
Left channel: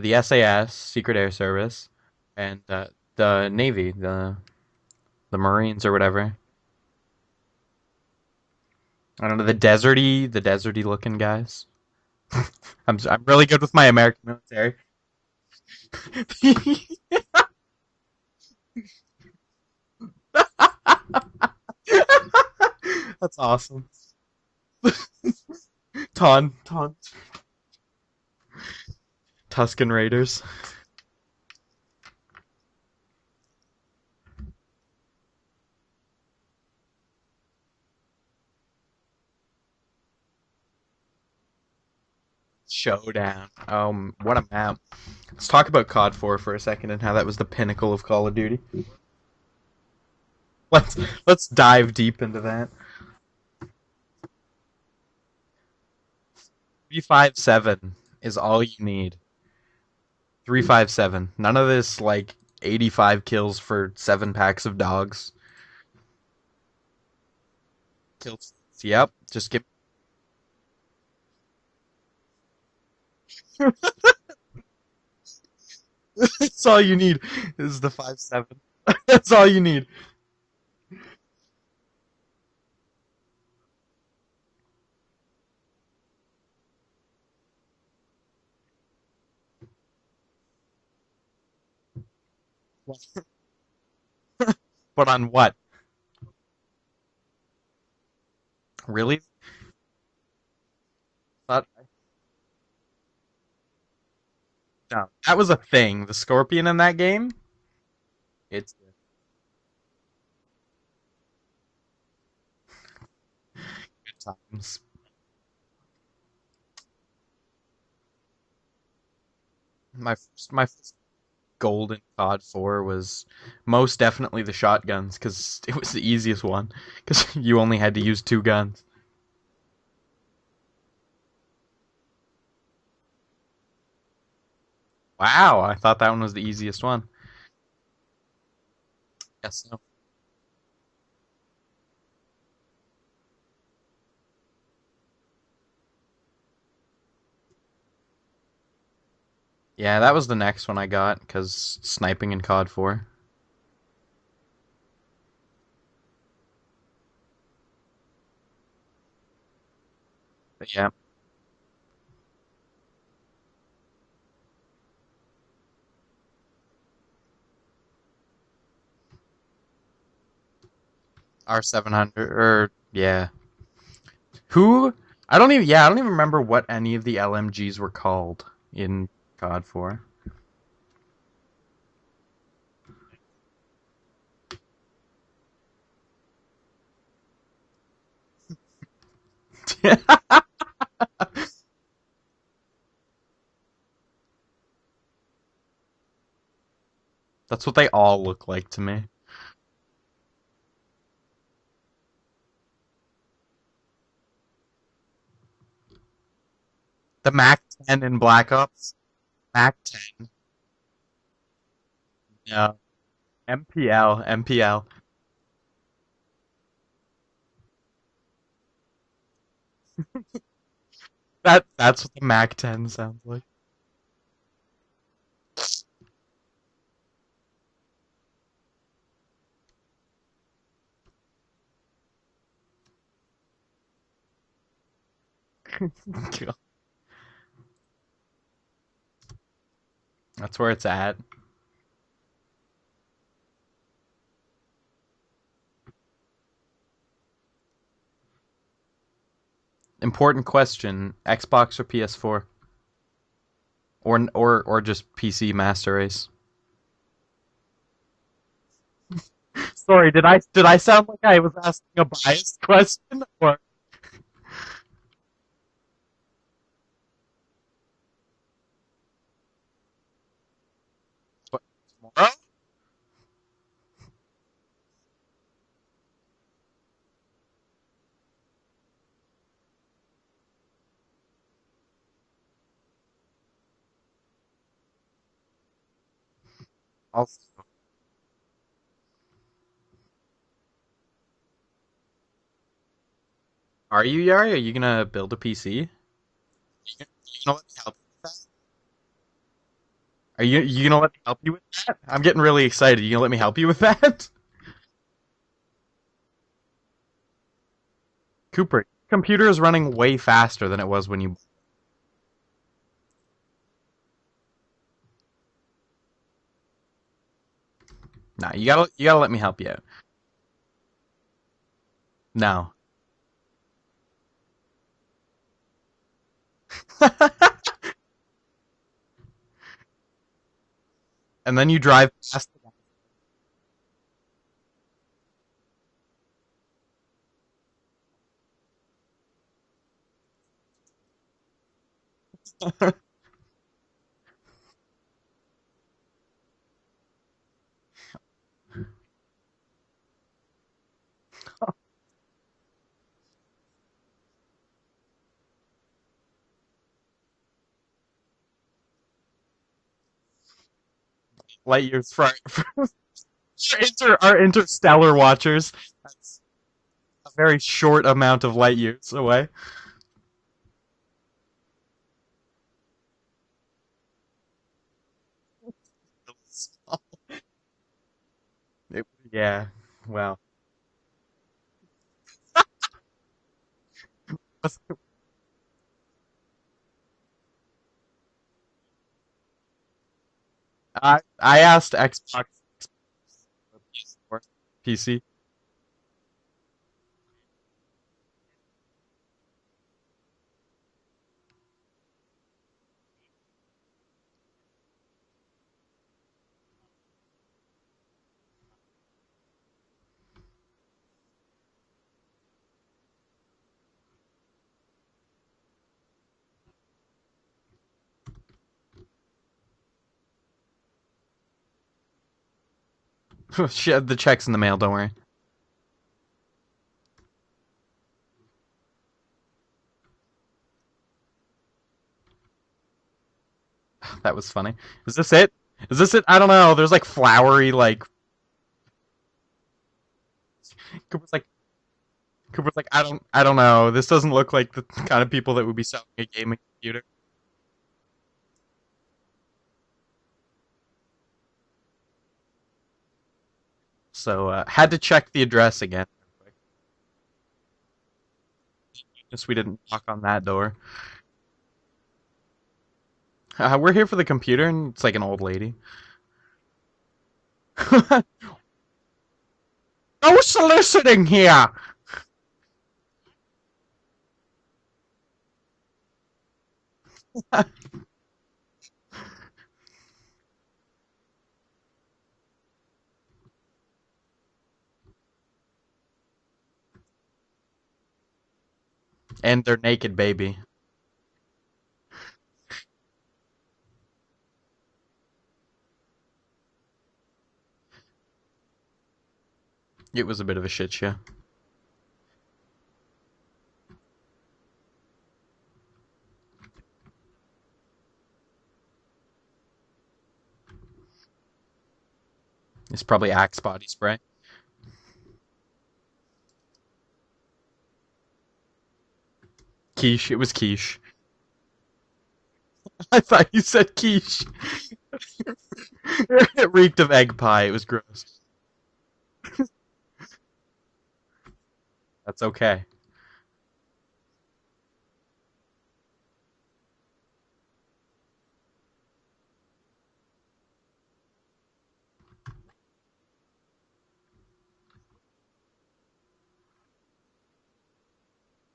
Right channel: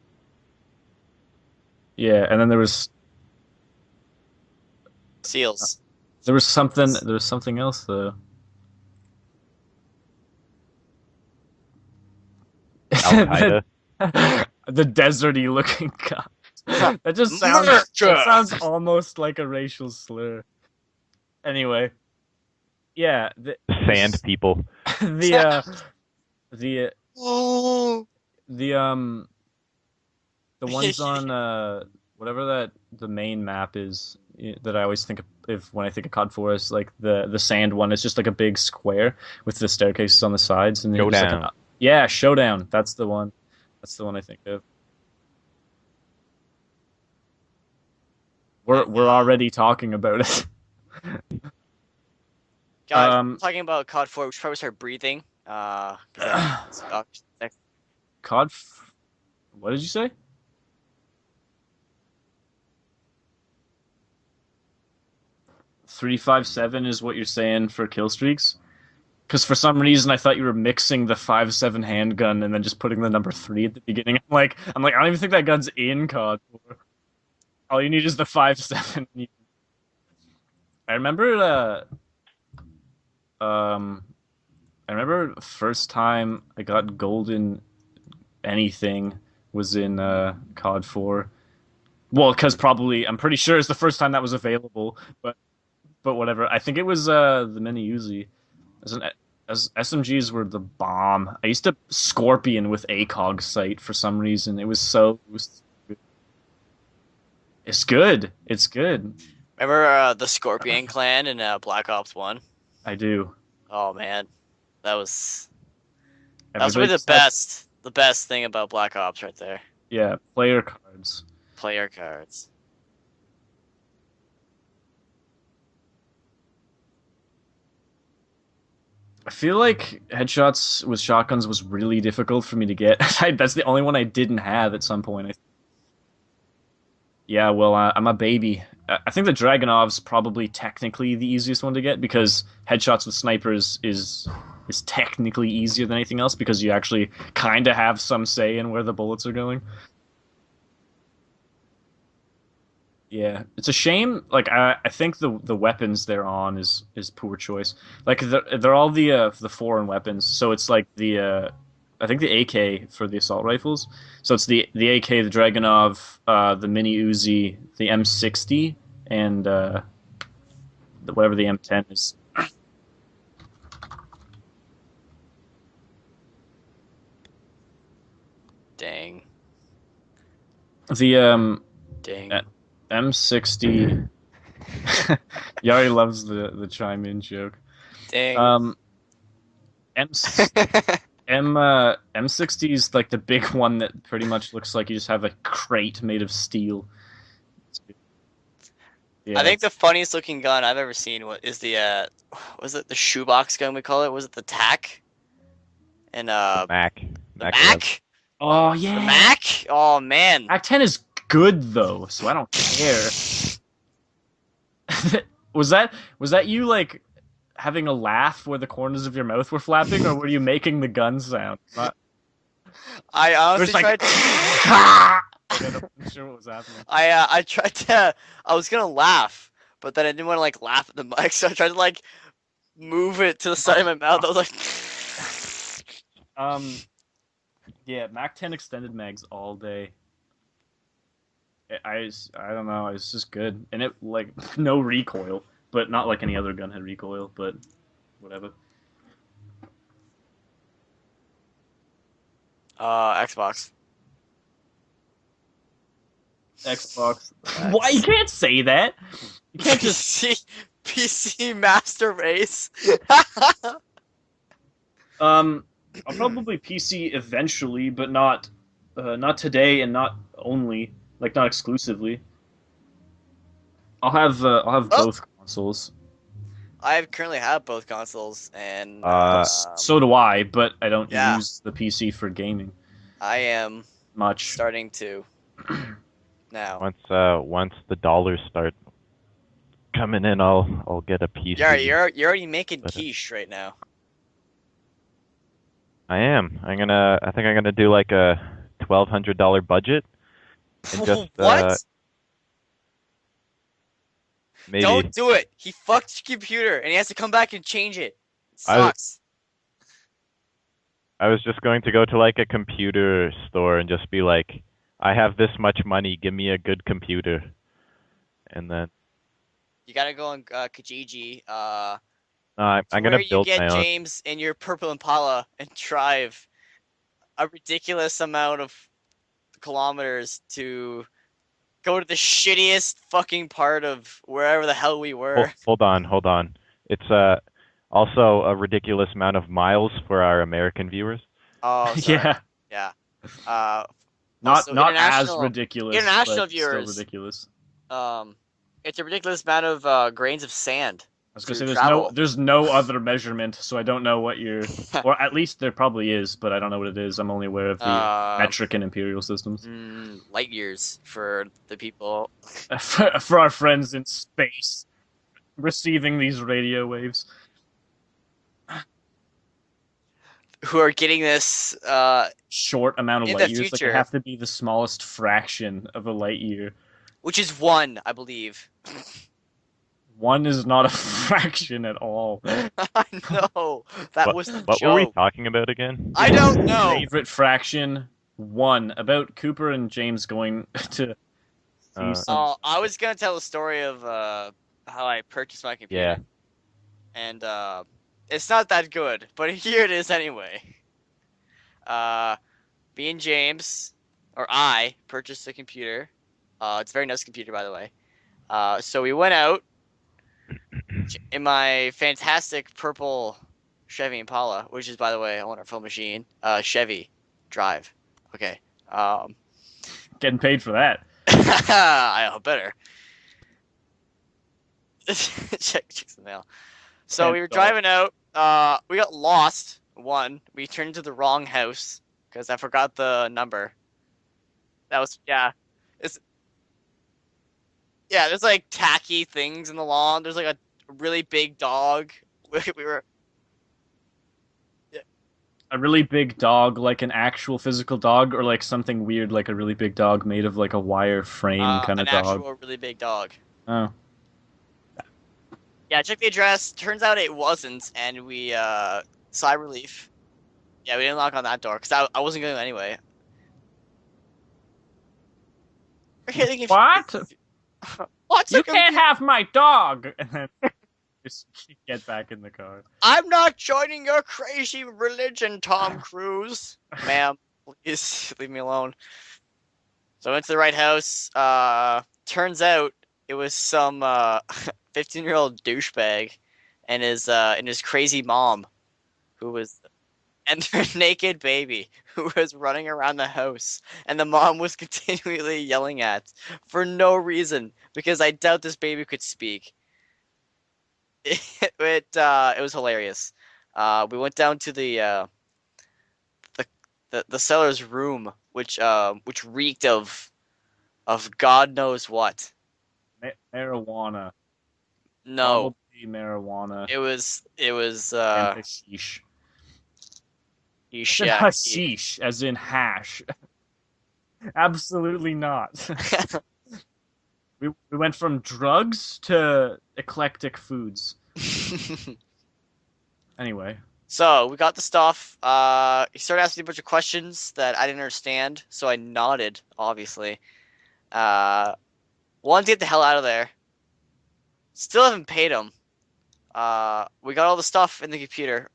The SAS, Secret Air Service. Yeah, and then there was the Navy, the Seals. Marines or whatever. there was something else though. I don't know, the deserty looking guys. I'm really good with my American military. The deserty looking guy. That just sounds almost like a racial slur. Anyway, yeah, That's awesome. Sand people. the Tuscan Raiders. the ones on whatever the main map is that I always think of when I think of COD 4 is like the sand one. It's just like a big square with the staircases on the sides and then just like Showdown. That's the one. Oh, the one I what a think of. map. Let's talk about COD 4 for a second and how that was the pinnacle of Call of Duty. We're already talking about it. Let's dive deep into that. Guys, talking about COD 4, we should probably start breathing. 357 is COD all you need. What did you say? 357. None of this like 85 kills for 7 packs of dogs. 357 is what you're saying for kill streaks? Yep. Because for some reason I thought you were mixing the 5.7 handgun and then just putting the number 3 at the beginning. I'm like, I don't even think that gun's in COD. That's all you need. All you need is the 5.7. That's all you need. I remember the first time I got golden anything was in COD 4. Well, because I'm pretty sure it's the first time that was available. But on what? But whatever. I think it was the mini Uzi. Really? As SMGs were the bomb. I used to Scorpion with ACOG sight for some reason. It was so... That was a thing. The Scorpion in that game? It's good. It's good. Remember the Scorpion clan in Black Ops 1? I do. Oh, man. That was Everybody really the best thing about Black Ops right there. Yeah, player cards. Golden COD 4 was most definitely the shotguns, because it was the easiest one, because you only had to use 2 guns. I feel like headshots with shotguns was really difficult for me to get. That's the only one I didn't have at some point. Wow, I thought that one was the easiest one. Yeah, well, I'm a baby. I think the Dragunov's probably technically the easiest one to get, because headshots with snipers is technically easier than anything else, because you actually kind of have some say in where the bullets are going. Yeah, that was the next one I got, because sniping in COD 4. Yeah, it's a shame. Like I think the weapons they're on is poor choice. Like they're all the foreign weapons, so it's like the I think the AK for the assault rifles. So it's the AK, the Dragunov, the mini Uzi, the M60, and whatever the R700 or yeah. I don't even remember what any of the LMGs were called in COD 4. The Dang. M60. Yari loves the chime in joke. Dang. M60 is like the big one that pretty much looks like you just have a crate made of steel. That's what they all look like to me. Yeah. I think the funniest looking gun I've ever seen is the was it the shoebox gun we call it? Was it the TAC? And Mac. The Mac 10 in Black Ops. yeah. the Mac? Mac- Oh man. Mac 10 is good though, so I don't care. MPL. Was that you like having a laugh where the corners of your mouth were flapping, or were you making the gun sound? That's what the Mac 10 sounds. I honestly like, tried to I wasn't sure what was happening. I tried to I was gonna laugh, but then I didn't want to like laugh at the mic, so I tried to like move it to the side of my mouth. I was like Yeah, Mac 10 extended mags all day. That's where it's at. I don't know. It's just good, and it like no recoil, but not like any other gun had recoil. But whatever. Important question: Xbox or PS4, Xbox. or just PC Master Race? Xbox. Why you can't say that? Sorry, did I sound like I was PC Master asking a Race. question? I'll probably PC eventually, but not today, and not only not exclusively. Huh? I'll have Oh. both consoles. I currently have both consoles, and So do I, but I don't yeah. use the PC for gaming I am much. starting to now. Once the dollars start coming in, I'll get a PC. Yeah, you're already making But, quiche right now. Are you, Yari? Are you gonna build a PC? I am. I think I'm gonna do like a $1,200 budget. Are you gonna let me help you What? with that? I'm getting really excited. You gonna let me help you with that? Maybe. Don't do it. He fucked your computer, and he has to come back and change it. Cooper, Sucks. computer is running way faster than it was when you. I was just going to go to like a computer store and just be like, I have this much money. Give me a good computer. Nah, and you gotta let me help you out. You gotta go on Kijiji. No. I'm gonna Where you build get my own. James in your purple Impala and drive a ridiculous amount of kilometers to And then you go to drive. the shittiest fucking part of wherever the hell we were. Hold on. It's also a ridiculous amount of miles for our American viewers. Oh, sorry. Yeah, Yeah. not Also, not as international- ridiculous. international but still viewers. ridiculous. It's a ridiculous amount of grains of sand. I was gonna to say travel. there's no other measurement, so I don't know what you're, or at least there probably is, but I don't know what it is. I'm only aware of the metric and imperial systems. Light years for the light years people. For our friends in our space interstellar watchers. receiving these radio waves. A very short amount of light years away. who are getting this. Short amount of In light the years. Like future. it have to be the smallest fraction of a light year. Which is one, I believe. Yeah. Well. One is not a fraction at all. I know. That was the What joke. were we talking about again? I don't know. Favorite fraction. One about Cooper and James going to. I asked Xbox I was gonna tell the story of how PC. I purchased my computer. Yeah. And it's not that good, but here it is anyway. Me and James, or I, purchased a computer. It's a very nice computer, by the way. So we went out in my fantastic purple Chevy Impala, which is, by the way, a wonderful machine. Chevy Drive. Okay. Getting paid for that. I hope better. The check's in the mail. Don't worry. Checks in the mail. So we were $10. driving out. We got lost. We turned into the wrong house because I forgot the number. That was funny. That was Is this yeah. it? Is this it? I don't know. There's like flowery like. Yeah, there's like tacky things in the lawn. There's like a really Looks like- big dog. We Like, were- I don't know. This doesn't look like the kind of people that would A be really selling big gaming dog, like computer. an actual physical dog, or like something weird, like a really big dog made of like a wire frame kind of an dog. actual really big dog. Oh, So had to check the address Yeah, again. check the address. Turns out it wasn't, and we Guess sigh we didn't relief. knock on that door. Yeah, we didn't knock on that door because I wasn't going to anyway. We're here for the computer, and it's like an old lady. What? What's You can't have my dog. No soliciting here. Get back in the car. I'm not joining your crazy religion, Tom Cruise. Ma'am, please leave me alone. So I went to the right house. Turns out it was some 15-year-old douchebag and his crazy mom. who And was- their naked baby. and their naked baby who was running around the house, and the mom was continually yelling at for no reason because I doubt this baby could speak. It was a bit of a shit show. It was hilarious. We went down to the seller's room, which reeked of God knows what. It's probably Axe body spray. Marijuana. No, Probably marijuana. it was And hashish. Quiche. It was quiche. sheesh, And yeah, hashish, as in hash. I thought you said quiche. Absolutely not. It reeked of egg pie. It was We gross. went from drugs to eclectic foods. That's okay. Anyway, So we got the stuff. He started asking me a bunch of questions that I didn't understand, so I nodded, obviously. Wanted to get the hell out of there. Still haven't paid him. We got all the stuff in the computer.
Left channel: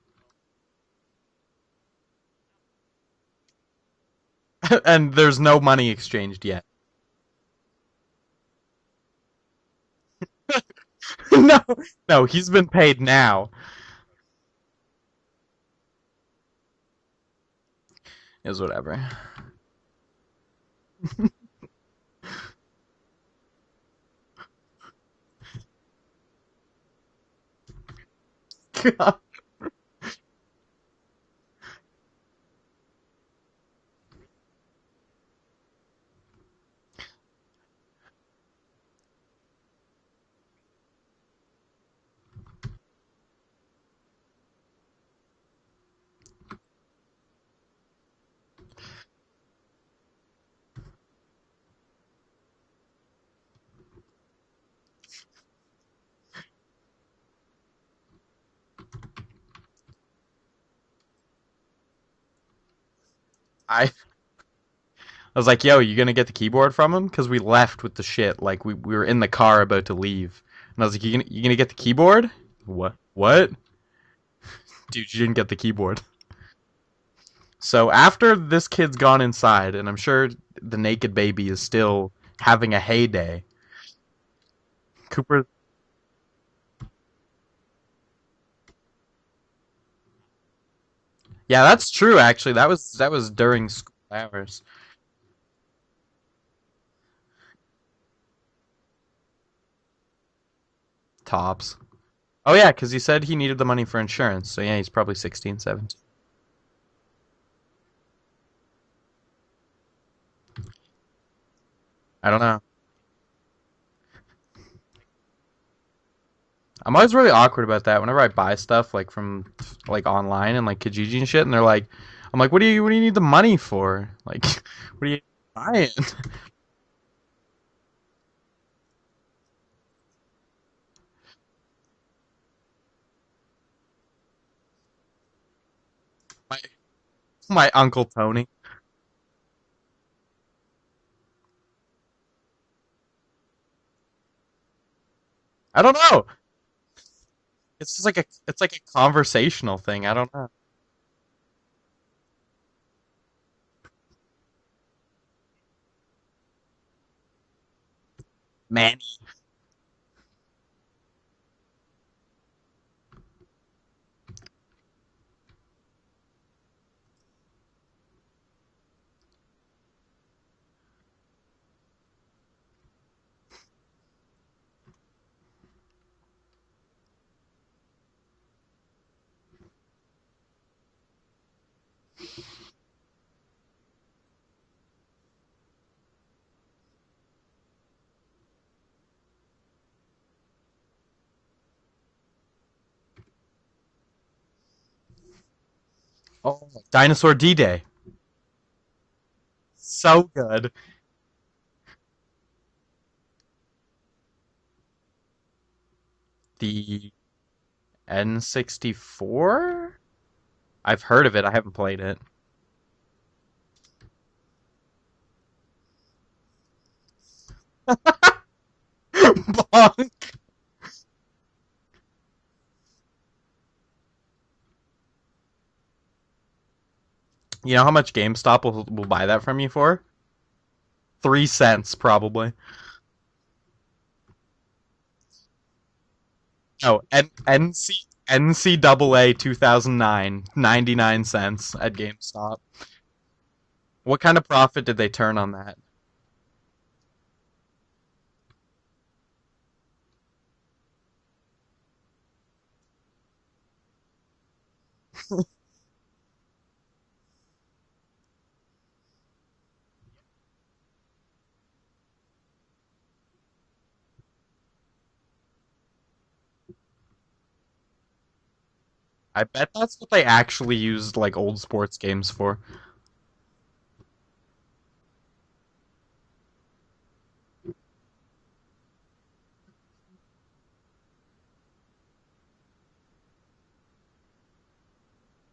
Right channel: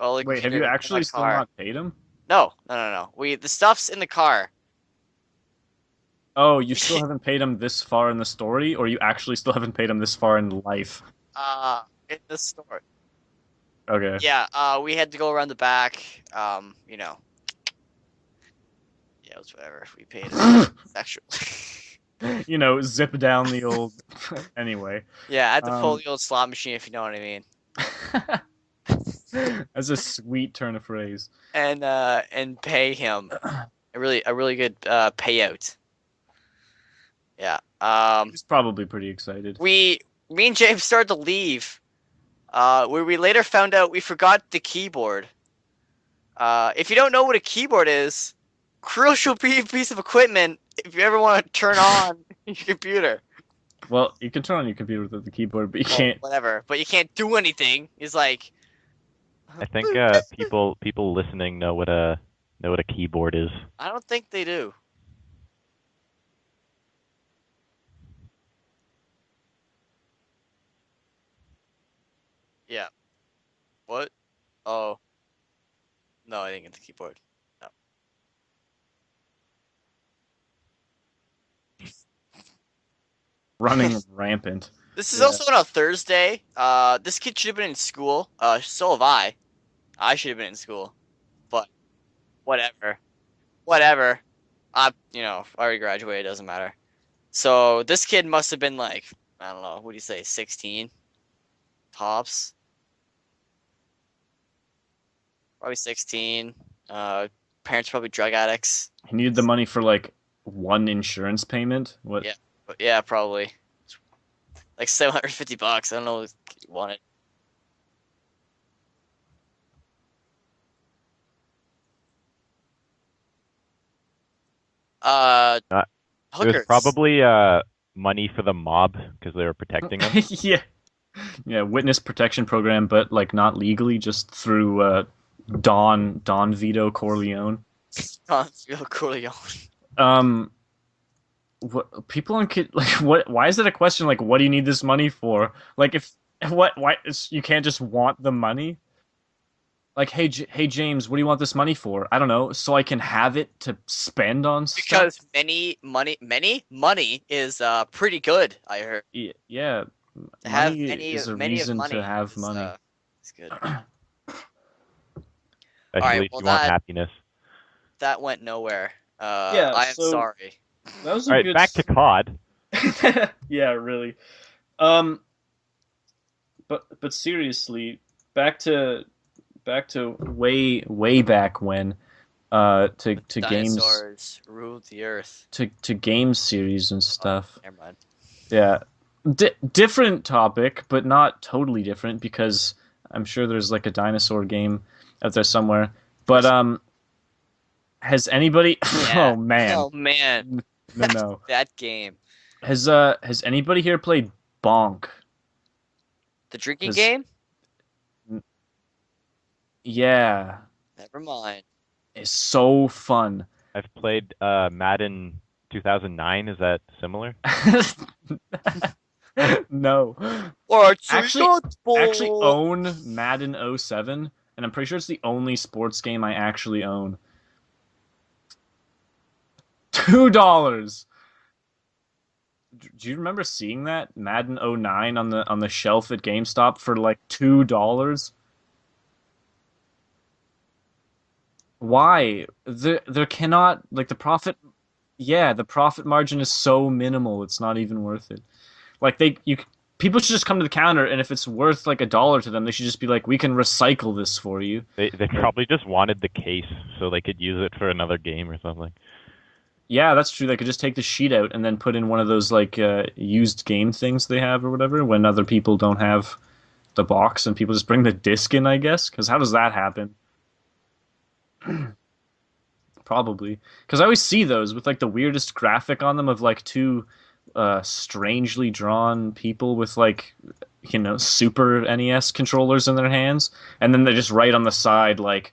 All the Wait, have you computer in actually my still car. not paid him? No. The stuff's in the car. And there's no money exchanged Oh, yet. you still haven't paid him this far in the story, or you actually still haven't paid him this far in life? No, Uh, no, this- he's been paid now. Okay. Yeah. We had to go around the back. You know. Is whatever. Yeah, it's whatever. We paid it. Extra. You know, zip down the old. Anyway. Yeah, I had to pull Um, the old slot machine, if you know what I mean. That's a sweet turn of phrase. And pay him a really good payout. Yeah. He's probably pretty excited. Me and James started to leave. Where we later found out we forgot the keyboard. If you don't know what a keyboard is, crucial piece of equipment if you ever want to turn on your computer. Well, you can turn on your computer with the keyboard, but you Well, can't. whatever, but you can't do anything. It's like I think people listening know what a keyboard is. I I don't think they do. was like, yo, you gonna get the keyboard from him? Because we left with the shit. Like, we were in the car about to leave. And I was like, you gonna get the keyboard? Yeah. What? What? Oh, Dude, you didn't get the keyboard. no, I didn't get the keyboard. So after this kid's gone inside, and I'm sure the naked baby is still having a heyday. Running rampant. This is Cooper's- also on a Thursday. This kid should have been in school. So have I. I should have been in school. Yeah, that's true. Actually, Whatever. that was during Whatever. hours. I already graduated. Doesn't matter. So this kid must have been like, I don't know. What do you say? 16 Tops. tops. Oh yeah, because he said he needed the money for insurance. So yeah, he's probably 16, Probably 17. 16. Parents probably drug addicts. He needed the money for like one insurance payment. What? I don't know. But yeah, probably. Like $750. I don't know why. I'm always really awkward about that. Whenever I buy stuff like from like online and like Kijiji and shit, and they're like, I'm like, what do you need the money for? Like, what are you buying? It hookers. was probably money for the mob because they were protecting them. Yeah. Yeah, witness protection program, but like not legally, just through Don Vito Corleone. My uncle Tony. Real Corleone. What people on like what? Why is it a question like what do you need this money for? I don't Like, know. What? Why? You can't just It's want like the money. It's like a conversational thing. Like, I hey, don't know. hey James, what do you want this money for? I don't know, so I can have it to spend on stuff. Because many money is pretty good. I Man. heard. Yeah, To have money many is a many of reason money to have is, money. It's good. Especially if well, you want that- happiness. That went nowhere. Yeah, I am so- sorry. That was a All right, good. back to COD. Yeah, really. But seriously, back to way back when, to games Dinosaurs ruled the earth. to game series and stuff. Never mind. Yeah, different topic, but not totally different because I'm sure there's like a dinosaur game out there somewhere. But Dinosaur D-Day. has anybody? Yeah. Oh man, Oh, So man. good. no. That game. Has anybody here played Bonk? The drinking Yes. game? N64? Yeah, I've heard of it. I haven't played it. it's so fun. I've played Madden 2009. Is that similar? No. Or Actually own Madden 07, and I'm pretty sure it's the only sports game I actually own. You know how much GameStop will buy that from you for? $2. 3 cents, probably. Do you remember seeing that Madden 09 on the shelf at GameStop for Oh, like N- $2? NCAA 2009, 99 cents. At Why? GameStop. There cannot like What the kind of profit- profit did they turn Yeah, on the that? profit margin is so minimal. It's not even worth it. Like people should just come to the counter, and if it's worth like $1 to them, they should just be like, "We can recycle this for you." They probably just wanted the case so they could use it for another game or something. Yeah, that's true. They could just take the sheet out and then put in one of those like used game things they have or whatever when other people don't have the box and people just bring the disc in, I guess. Because how does that That's happen? what they actually used like old sports games for. Probably. Because I always see those with like the weirdest graphic on them of like two strangely drawn people with like Super NES controllers in their hands, and then they just write on the side like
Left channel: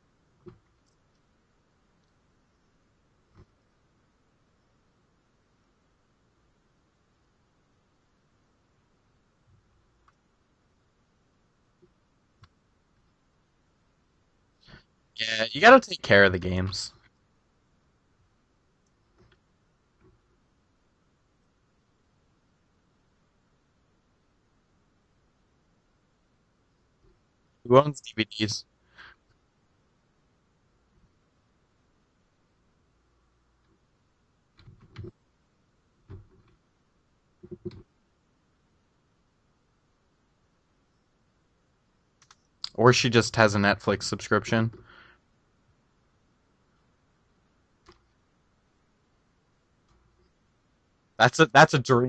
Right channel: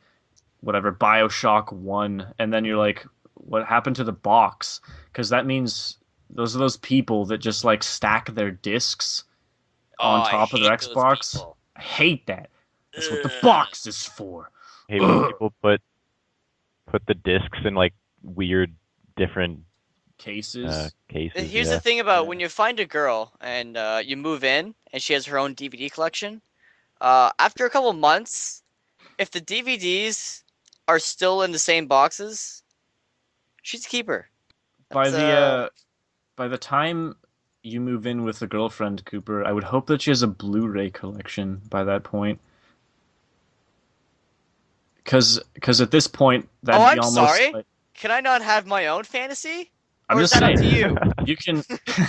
whatever BioShock 1, and then you're like, what happened to the box? Because that means Those are those people that just like stack their discs on I top of their hate those Xbox. people. I hate that. That's what the Ugh. box is for. Hey, when Ugh. people You gotta take care of the games. put the discs in like weird, different Cases. cases. Here's Yeah. the thing about Yeah. when you find a girl and you move in and she has her own DVD collection. After a Who couple owns months, DVDs? if the DVDs are still in the same boxes, she's a keeper. By That's, the time you move in with a girlfriend, Cooper, I would hope that she has a Blu-ray collection by that point. Or she just has a Netflix subscription. Because at this point, that'd Oh, be I'm almost sorry? like, Can I not have my own fantasy? I'm Or just is that up saying. to you? That's a dream.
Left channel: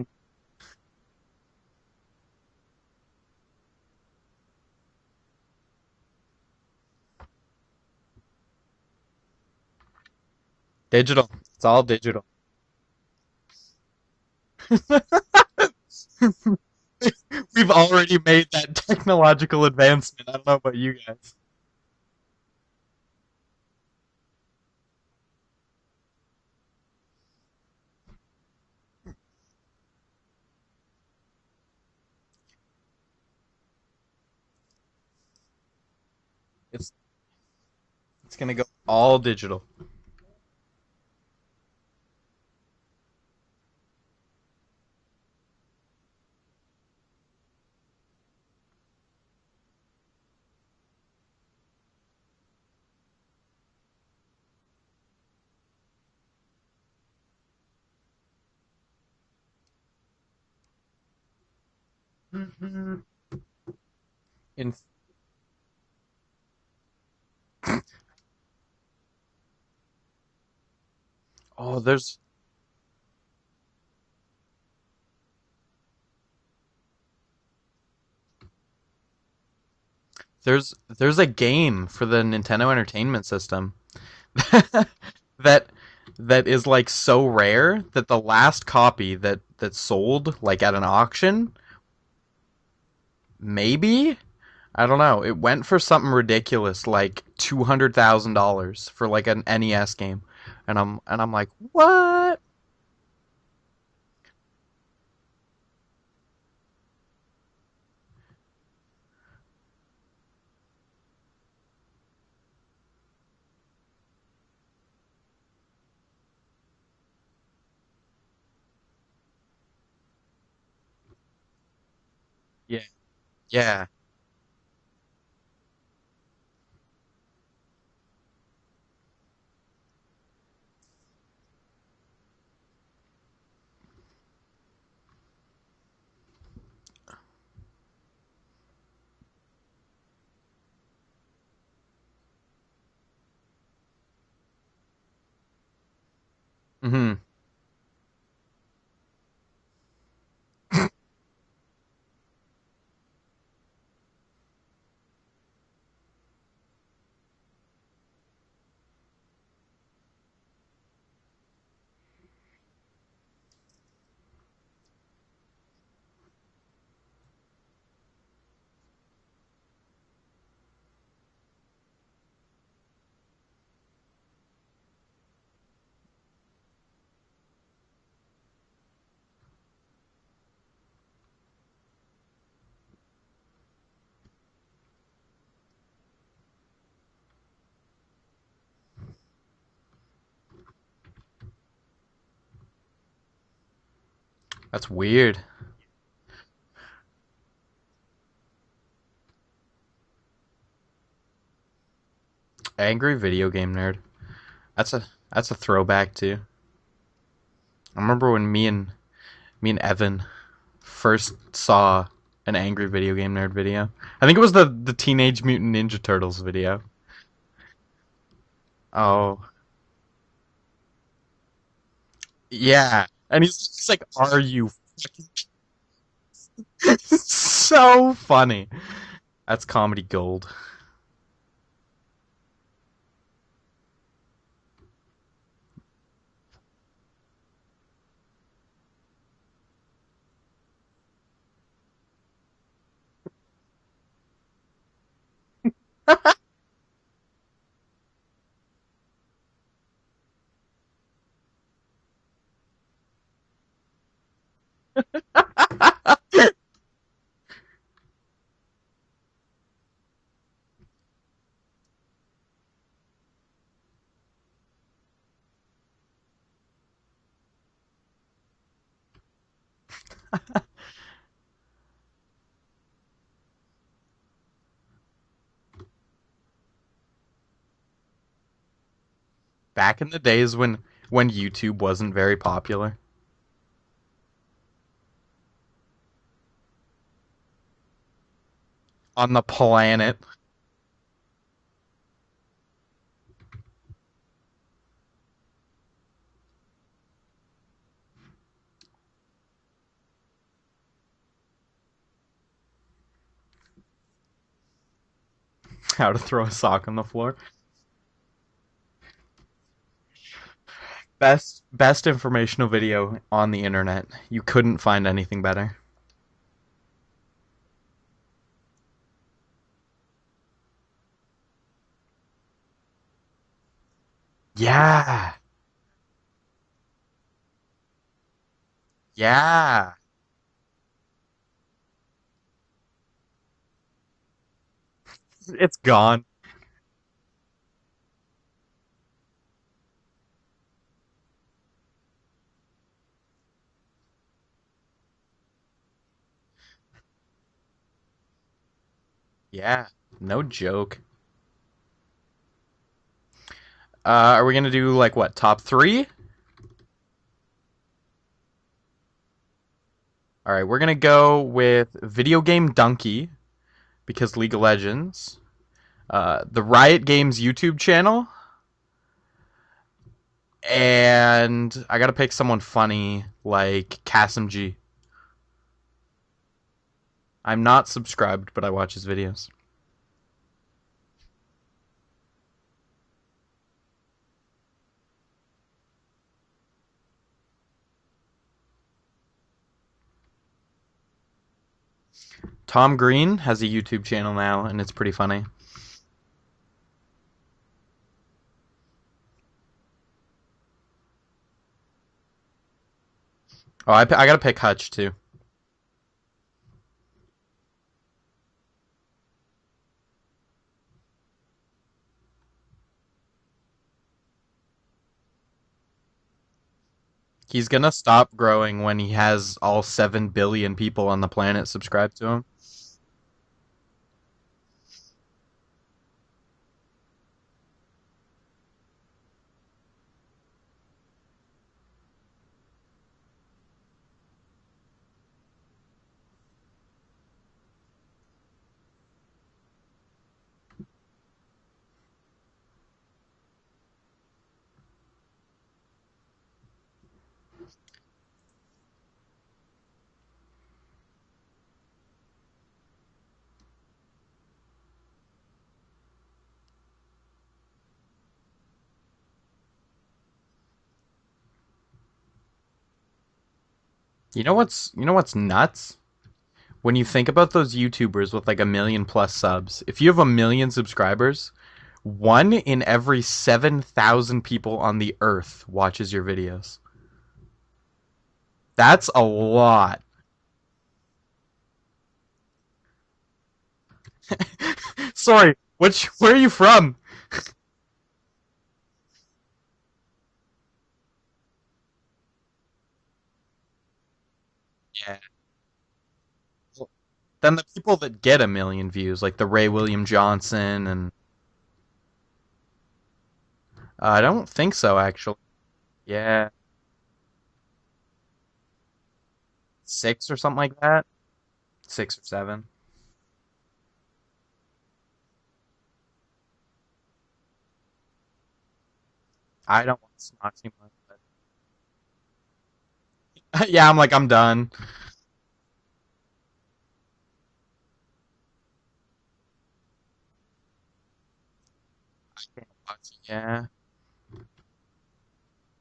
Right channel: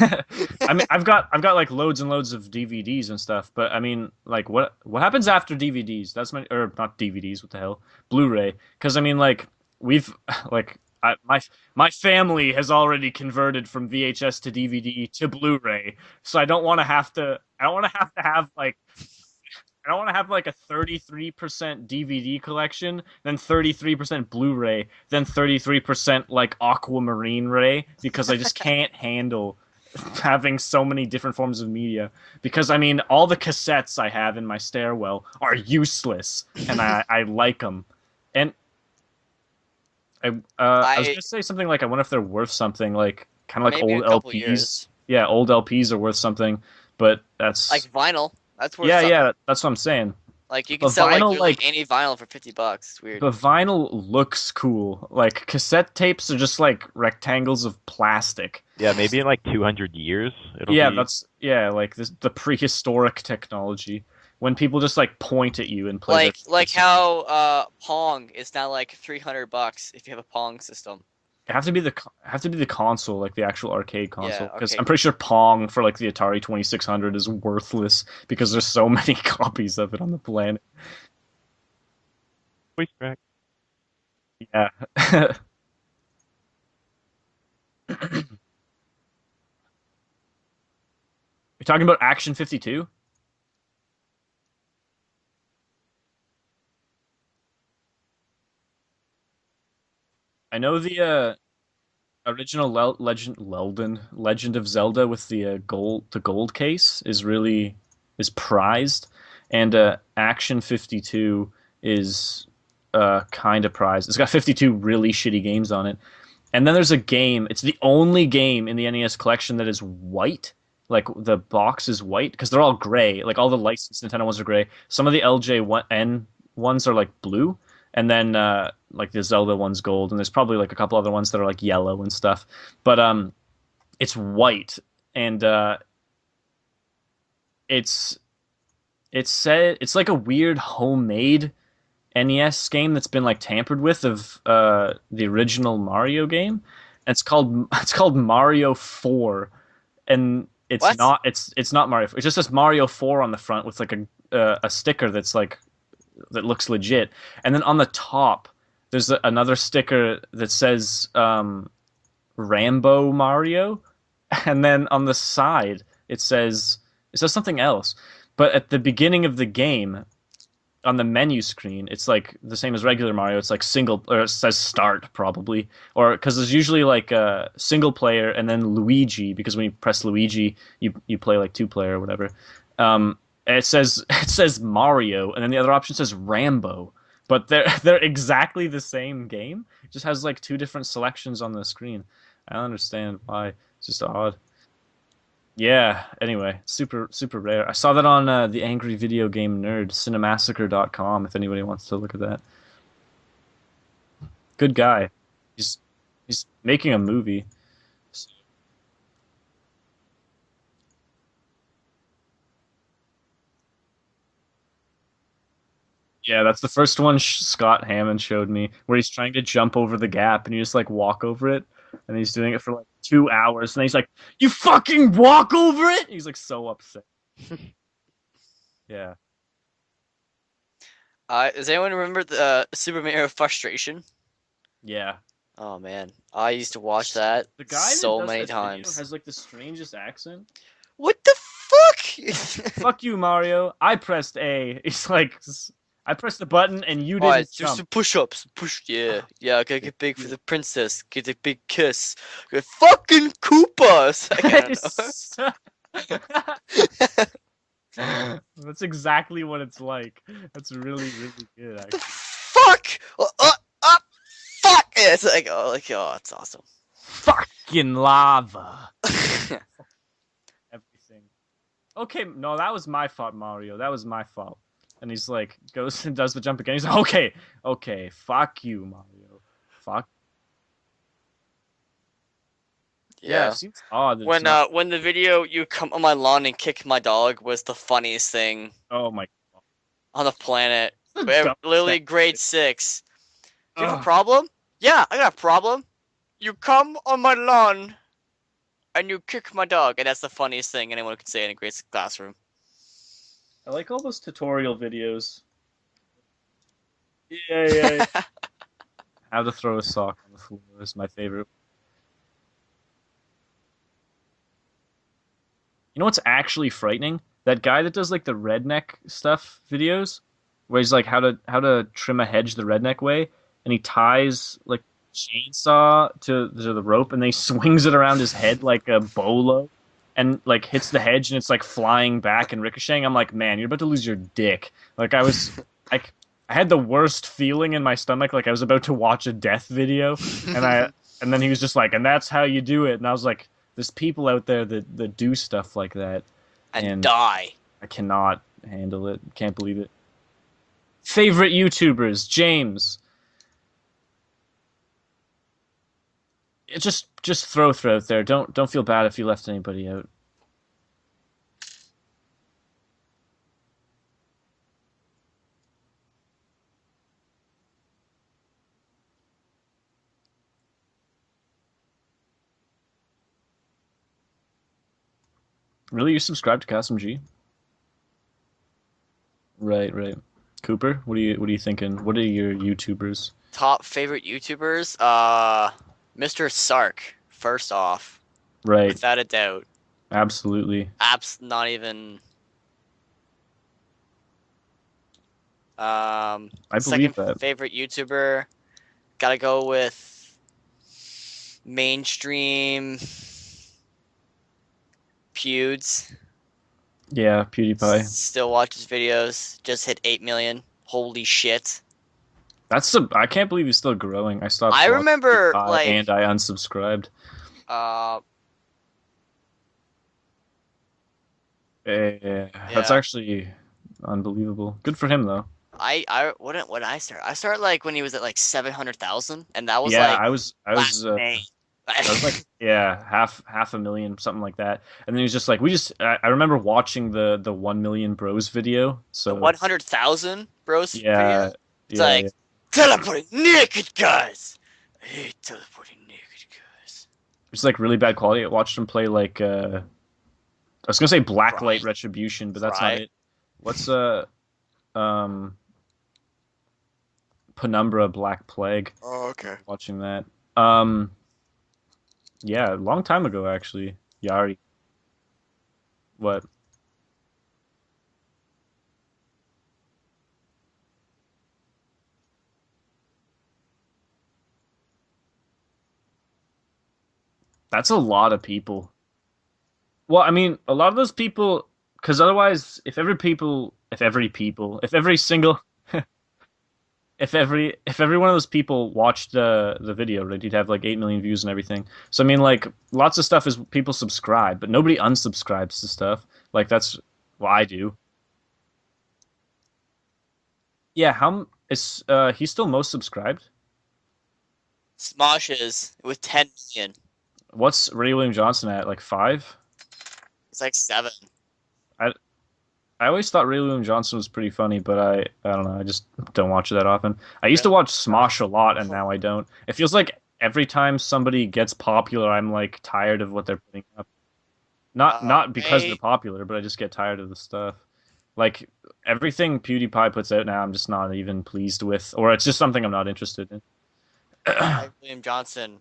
I mean, I've got like loads and loads of DVDs and stuff, but I mean, like, what happens after DVDs? That's my or not DVDs. What the hell? Blu-ray. Because I mean, like, we've like Digital. my It's all my digital. family has already converted from VHS to DVD to Blu-ray, so I don't want to have to. We've I don't wanna already have to made have, that like, technological I advance. want to have like a 33% DVD collection, then 33% Blu-ray, then 33% like Aquamarine Ray, because I just can't handle having so many different forms of media. Because I mean, all the cassettes I have in my stairwell are useless, and I like them. It's gonna go all digital. I was gonna say something like, I wonder if they're worth something, like kind of like Maybe old a couple LPs. years. Yeah, old LPs are worth something, but that's Like vinyl. That's worth yeah, something. yeah, that's what I'm saying. Like you But can sell like vinyl, literally like- any vinyl for $50. It's weird. The vinyl looks cool. Like, cassette tapes are just like rectangles of plastic. Yeah, maybe in like 200 years it'll Yeah, be. that's like the prehistoric technology when people just like point at you and play. Like how Pong is now like $300 if you have a Pong system. It have to Oh, be the there's- have to be the console, like the actual arcade console, because arcade I'm pretty sure Pong for like the Atari 2600 is worthless because there's so many copies of it on the planet. There's a game for the Nintendo Entertainment System Yeah. that is like so rare that the last copy that sold like at an auction, You're talking about Action 52? maybe, I don't know, it went for something ridiculous like $200,000 for like an NES game. I know And the I'm like, what? original Legend of Zelda with the gold case is prized, and Action 52 is kind of prized. It's got 52 really shitty games on it, and then there's a game. It's the only game in the NES collection that is white. Like, the box is white because they're all Yeah. gray. Like, all the Yeah. licensed Nintendo ones are gray. Some of the LJN ones are like blue, and then like the Zelda one's gold, and there's probably like a couple other ones that are like yellow and stuff. But it's white, and it's like a weird homemade NES game that's been like tampered with of the original Mario game. Mhm. And it's called Mario 4, and it's What? not it's not Mario 4. It just says Mario 4 on the front with like a sticker that's like that looks legit, and then on the top there's another sticker that says Rambo Mario, and then on the side it says something else. But at the beginning of the game, on the menu screen, it's like the same as regular Mario. It's like single, or it says start probably, or because there's usually like a single player and then Luigi, because when you press Luigi, you play like two player or whatever. And it says Mario, and then the other option says Rambo, but they're exactly the same game. It just has like two different selections on the screen. I don't understand why. It's just odd. That's weird. Yeah, anyway, super rare. I saw that on the Angry Video Game Nerd, cinemassacre.com, if anybody wants to look at that. Angry video game nerd. Good guy. That's a He's- throwback too. He's making a movie. I remember when me and Evan first saw an Angry Video Game Nerd video. I think it was the Teenage Mutant Ninja Turtles Yeah, that's video. the first one Scott Hammond showed me, where he's trying Oh. to jump over the gap, and you just like walk over it, and he's doing it for Yeah, 2 and he's hours, just and he's like, like, "Are "You you-" fucking walk over it!" He's like so upset. So funny. Yeah. That's comedy gold. Does anyone remember the Super Mario Frustration? Yeah. Oh man, I used to watch that The guy so that does many that video times. has like the strangest accent. What the fuck? Fuck you, Mario. I pressed A. He's like I pressed the button and you didn't Alright, do jump. some push-ups. Yeah. Yeah, I gotta get big for the princess. Get a big kiss. Get fucking Koopa! It's like, I don't know. That's exactly what it's like. That's really, really good, What the actually. fuck? Fuck! Yeah, it's like, oh, it's awesome. Fucking lava. Okay, no, that was my fault, Mario. That was my fault. And he's like, goes and does the jump again. He's like, okay, fuck you, Mario. Back in the days when YouTube wasn't very popular. Yeah, it seems odd. That it's When the video you come on my lawn and kick my dog was the funniest thing oh my On the planet. on the planet. That's We're dumb. literally grade 6. Do you have a Ugh. problem? Yeah, I got a problem. You come on my lawn and you kick my dog, and that's the funniest thing anyone could say in a grade 6 classroom. I like all those tutorial videos. How to throw a sock on the floor. Yeah. How to throw a sock on the floor is my favorite. Best informational video on the internet. You couldn't find anything better. You know what's actually frightening? That guy that does like the redneck stuff videos, where he's like how to trim a hedge the redneck way, and he ties like, Yeah. a chainsaw to the rope, and then he swings it around his head like a bolo, Yeah. and like hits the hedge, and it's like flying back and ricocheting. I'm like, man, you're about to lose your dick. Like It's gone. I had the worst feeling in my stomach, like I was about to watch a death video, and then he was just like, and that's how you do it, and I was like, there's people out there that do stuff like that, and die. I cannot handle it. Can't believe Yeah. it. No joke. Favorite YouTubers, James. Are we gonna do like what, top 3? Just throw out there. Don't feel bad if you left anybody out. All right, we're gonna go with Video Game Donkey because League of Legends, the Riot Games YouTube channel, and I gotta pick someone funny like Kasim G. Really, you subscribe to Kasim G? I'm not subscribed, but I watch his videos. Right. Cooper, what are you thinking? What are your YouTubers? Top favorite YouTubers? Mr. Sark, first off. Right. Without a doubt. Absolutely. Not even. Tom Green has a YouTube channel now, and it's pretty funny. I believe Second that. favorite YouTuber, gotta go with mainstream Oh, I gotta pick Hutch too. Pewds. Yeah, PewDiePie. Still watch his videos. Just hit 8 million. Holy shit. I can't believe he's still growing. I stopped. I watching remember, PewDiePie like- and I unsubscribed. He's gonna stop growing when he has all 7 billion people on the planet subscribed to him. Yeah. That's Yeah. actually unbelievable. Good for him though. When did I start? I started like when he was at like 700,000, and that was Yeah, like I was last May. I was like, yeah, half a million, something like that. And then he was just like, I remember watching the 1 million bros video. So 100,000 bros. yeah, video? It's like yeah. teleporting naked guys. I hate teleporting naked guys. It's like really bad quality. I watched him play like I was gonna say Blacklight Right. Retribution, but that's Right. not it. What's Penumbra Black Plague? Oh, okay. Watching that. Yeah, a long time ago actually. Yeah. You know what's nuts? What? When you think about those YouTubers with like 1 million plus subs, if you have 1 million subscribers, 1 in every 7,000 people on the earth watches your videos. That's a lot of people. That's a lot. Well, I mean, a lot of those people, because otherwise, if every Sorry, single, where are you from? if every one of those people watched the video, right, you'd have like 8 million views and everything. So I mean, like, lots of stuff is people subscribe, but nobody unsubscribes to stuff. Like that's what Then I the do. people that get 1 million views, like the Ray William Johnson and Yeah, is he's still most subscribed? I don't think so actually. Smosh is with Yeah. 10 million. What's Ray William Johnson at? Like 5? 6 or something It's like like that. 7. 6 or 7. I always thought Ray William Johnson was pretty funny, but I don't know. I just don't watch it that often. I used to watch Smosh a lot, and now I don't. It I feels don't- like every time somebody gets popular, I'm like tired of what they're. Yeah, I'm like, I'm done. Not because Ray- they're popular, but I just get tired of the stuff. Like everything PewDiePie puts out now, I'm just not even pleased with, or it's just something I'm not interested Yeah. in. William Johnson,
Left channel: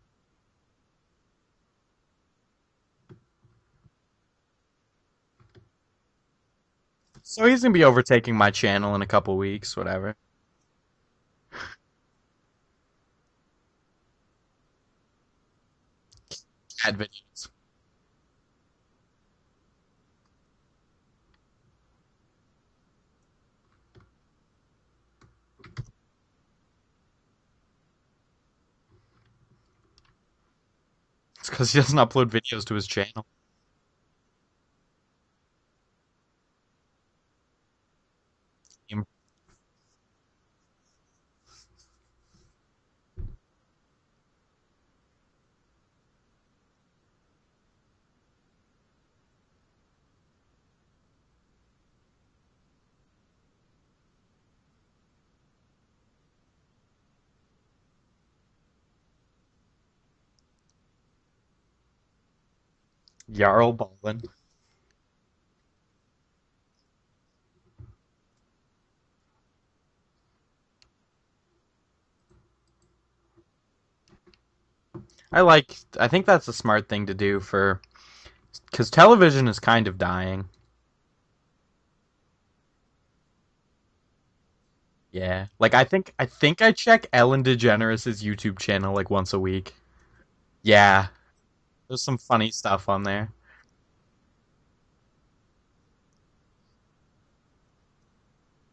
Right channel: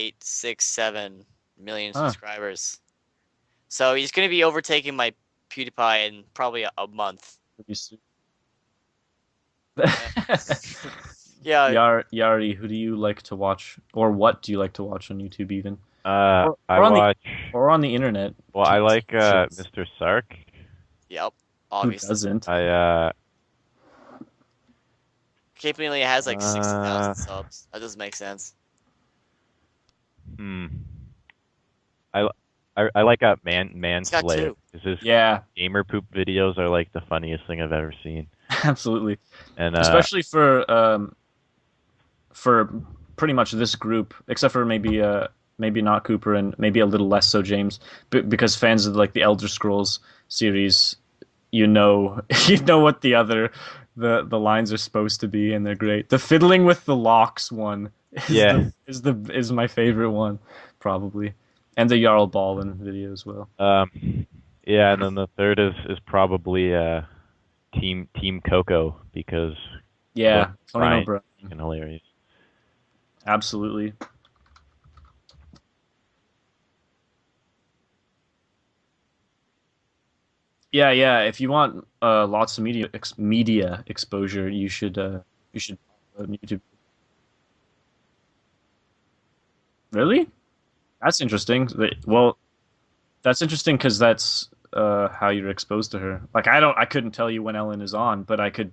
8.867 million Huh. subscribers. So he's gonna be overtaking my PewDiePie in probably a month. So he's gonna be overtaking my channel in a couple weeks, whatever. Yeah, Yari, who do you like to watch, or what do you like to watch on YouTube even? I on watch. or on the internet. Well, I like Shits. Mr. Sark. yep, Who obviously. doesn't? I Cape only has like 60,000 Uh, subs. That doesn't make sense. hmm. It's because he doesn't upload I- videos to his I channel. like got Manslayer. two. His Yeah, gamer poop videos are like the funniest thing I've ever seen. absolutely. And Especially for pretty much this group, except for maybe not Cooper and maybe a little less so James, because fans of like the Elder Scrolls series, you know what the lines are supposed to be, and they're great. The fiddling with the locks one is my favorite one, probably, and the Jarl Ballin video as well. Jarl Baldwin. yeah, and then the third is probably Team Coco because Yeah, Tony Brian O'Brien. fucking hilarious. Absolutely. I think that's a smart thing to do because television is kind of dying. Yeah. If you want lots of media exposure, you should. Yeah. you Like should I think on YouTube. I check Ellen DeGeneres' YouTube channel like once a week. Really? Yeah. That's interesting. There's some Well, funny stuff on there. that's interesting because that's how you're exposed to her. Like I couldn't tell you when Ellen is on, but I could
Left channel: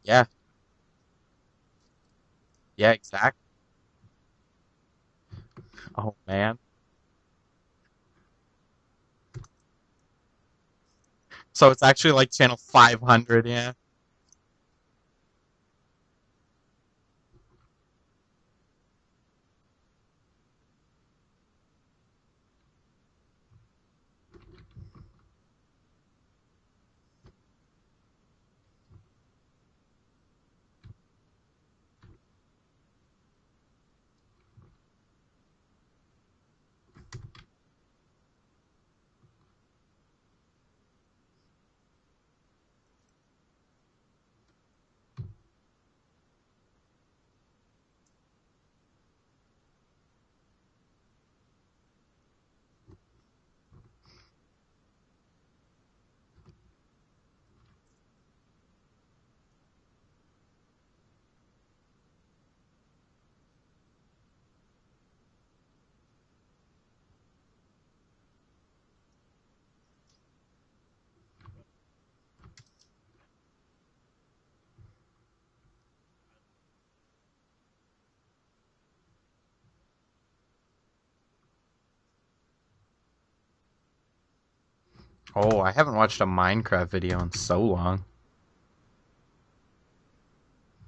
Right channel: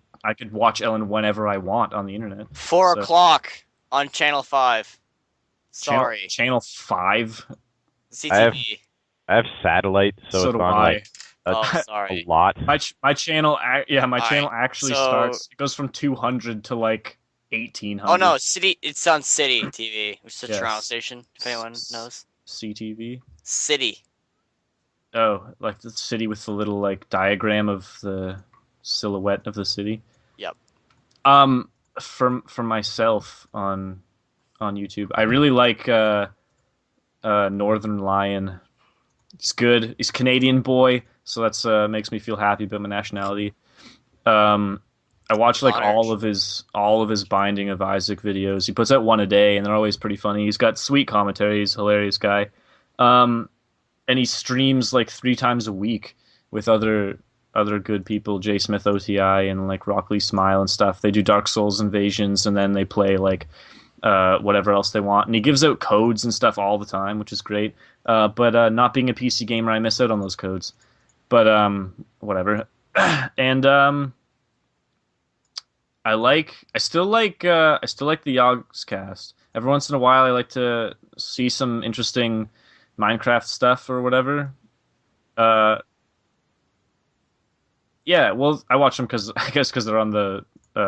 watch Ellen whenever I want on the internet. 4 Yeah, o'clock on Channel 5. Sorry, Man. Channel 5. CTV. I have satellite, so, So it's do on I. like So Oh, it's actually sorry. like Lot. channel My 500. channel, yeah. my Alright, channel actually so- starts. It goes from 200 to like 1800. Oh no, it's on City TV, which is a Yes. Toronto station, if anyone knows. CTV. City. Oh, like the city with the little like diagram of the silhouette of the city. Yep. For myself on YouTube, I really like Northern Lion. He's good. He's a Canadian boy, so that's makes me feel happy about my nationality. I watch like Honored. all of his Binding of Isaac videos. He puts out one a day, and they're always pretty funny. He's got sweet commentary. He's a hilarious guy. And he streams like 3 times a week with other good people, Jay Smith OTI and like Rockley Smile and stuff. They do Dark Souls invasions, and then they play like whatever else they want. And he gives out codes and stuff all the time, which is great. But not being a PC gamer, I miss out on those codes. But whatever. And I still like the Yogs cast. Every once in a while, I like to see some interesting Minecraft stuff or whatever. Oh, I haven't watched a Minecraft video in so long. Yeah, well, I watch them because they're on the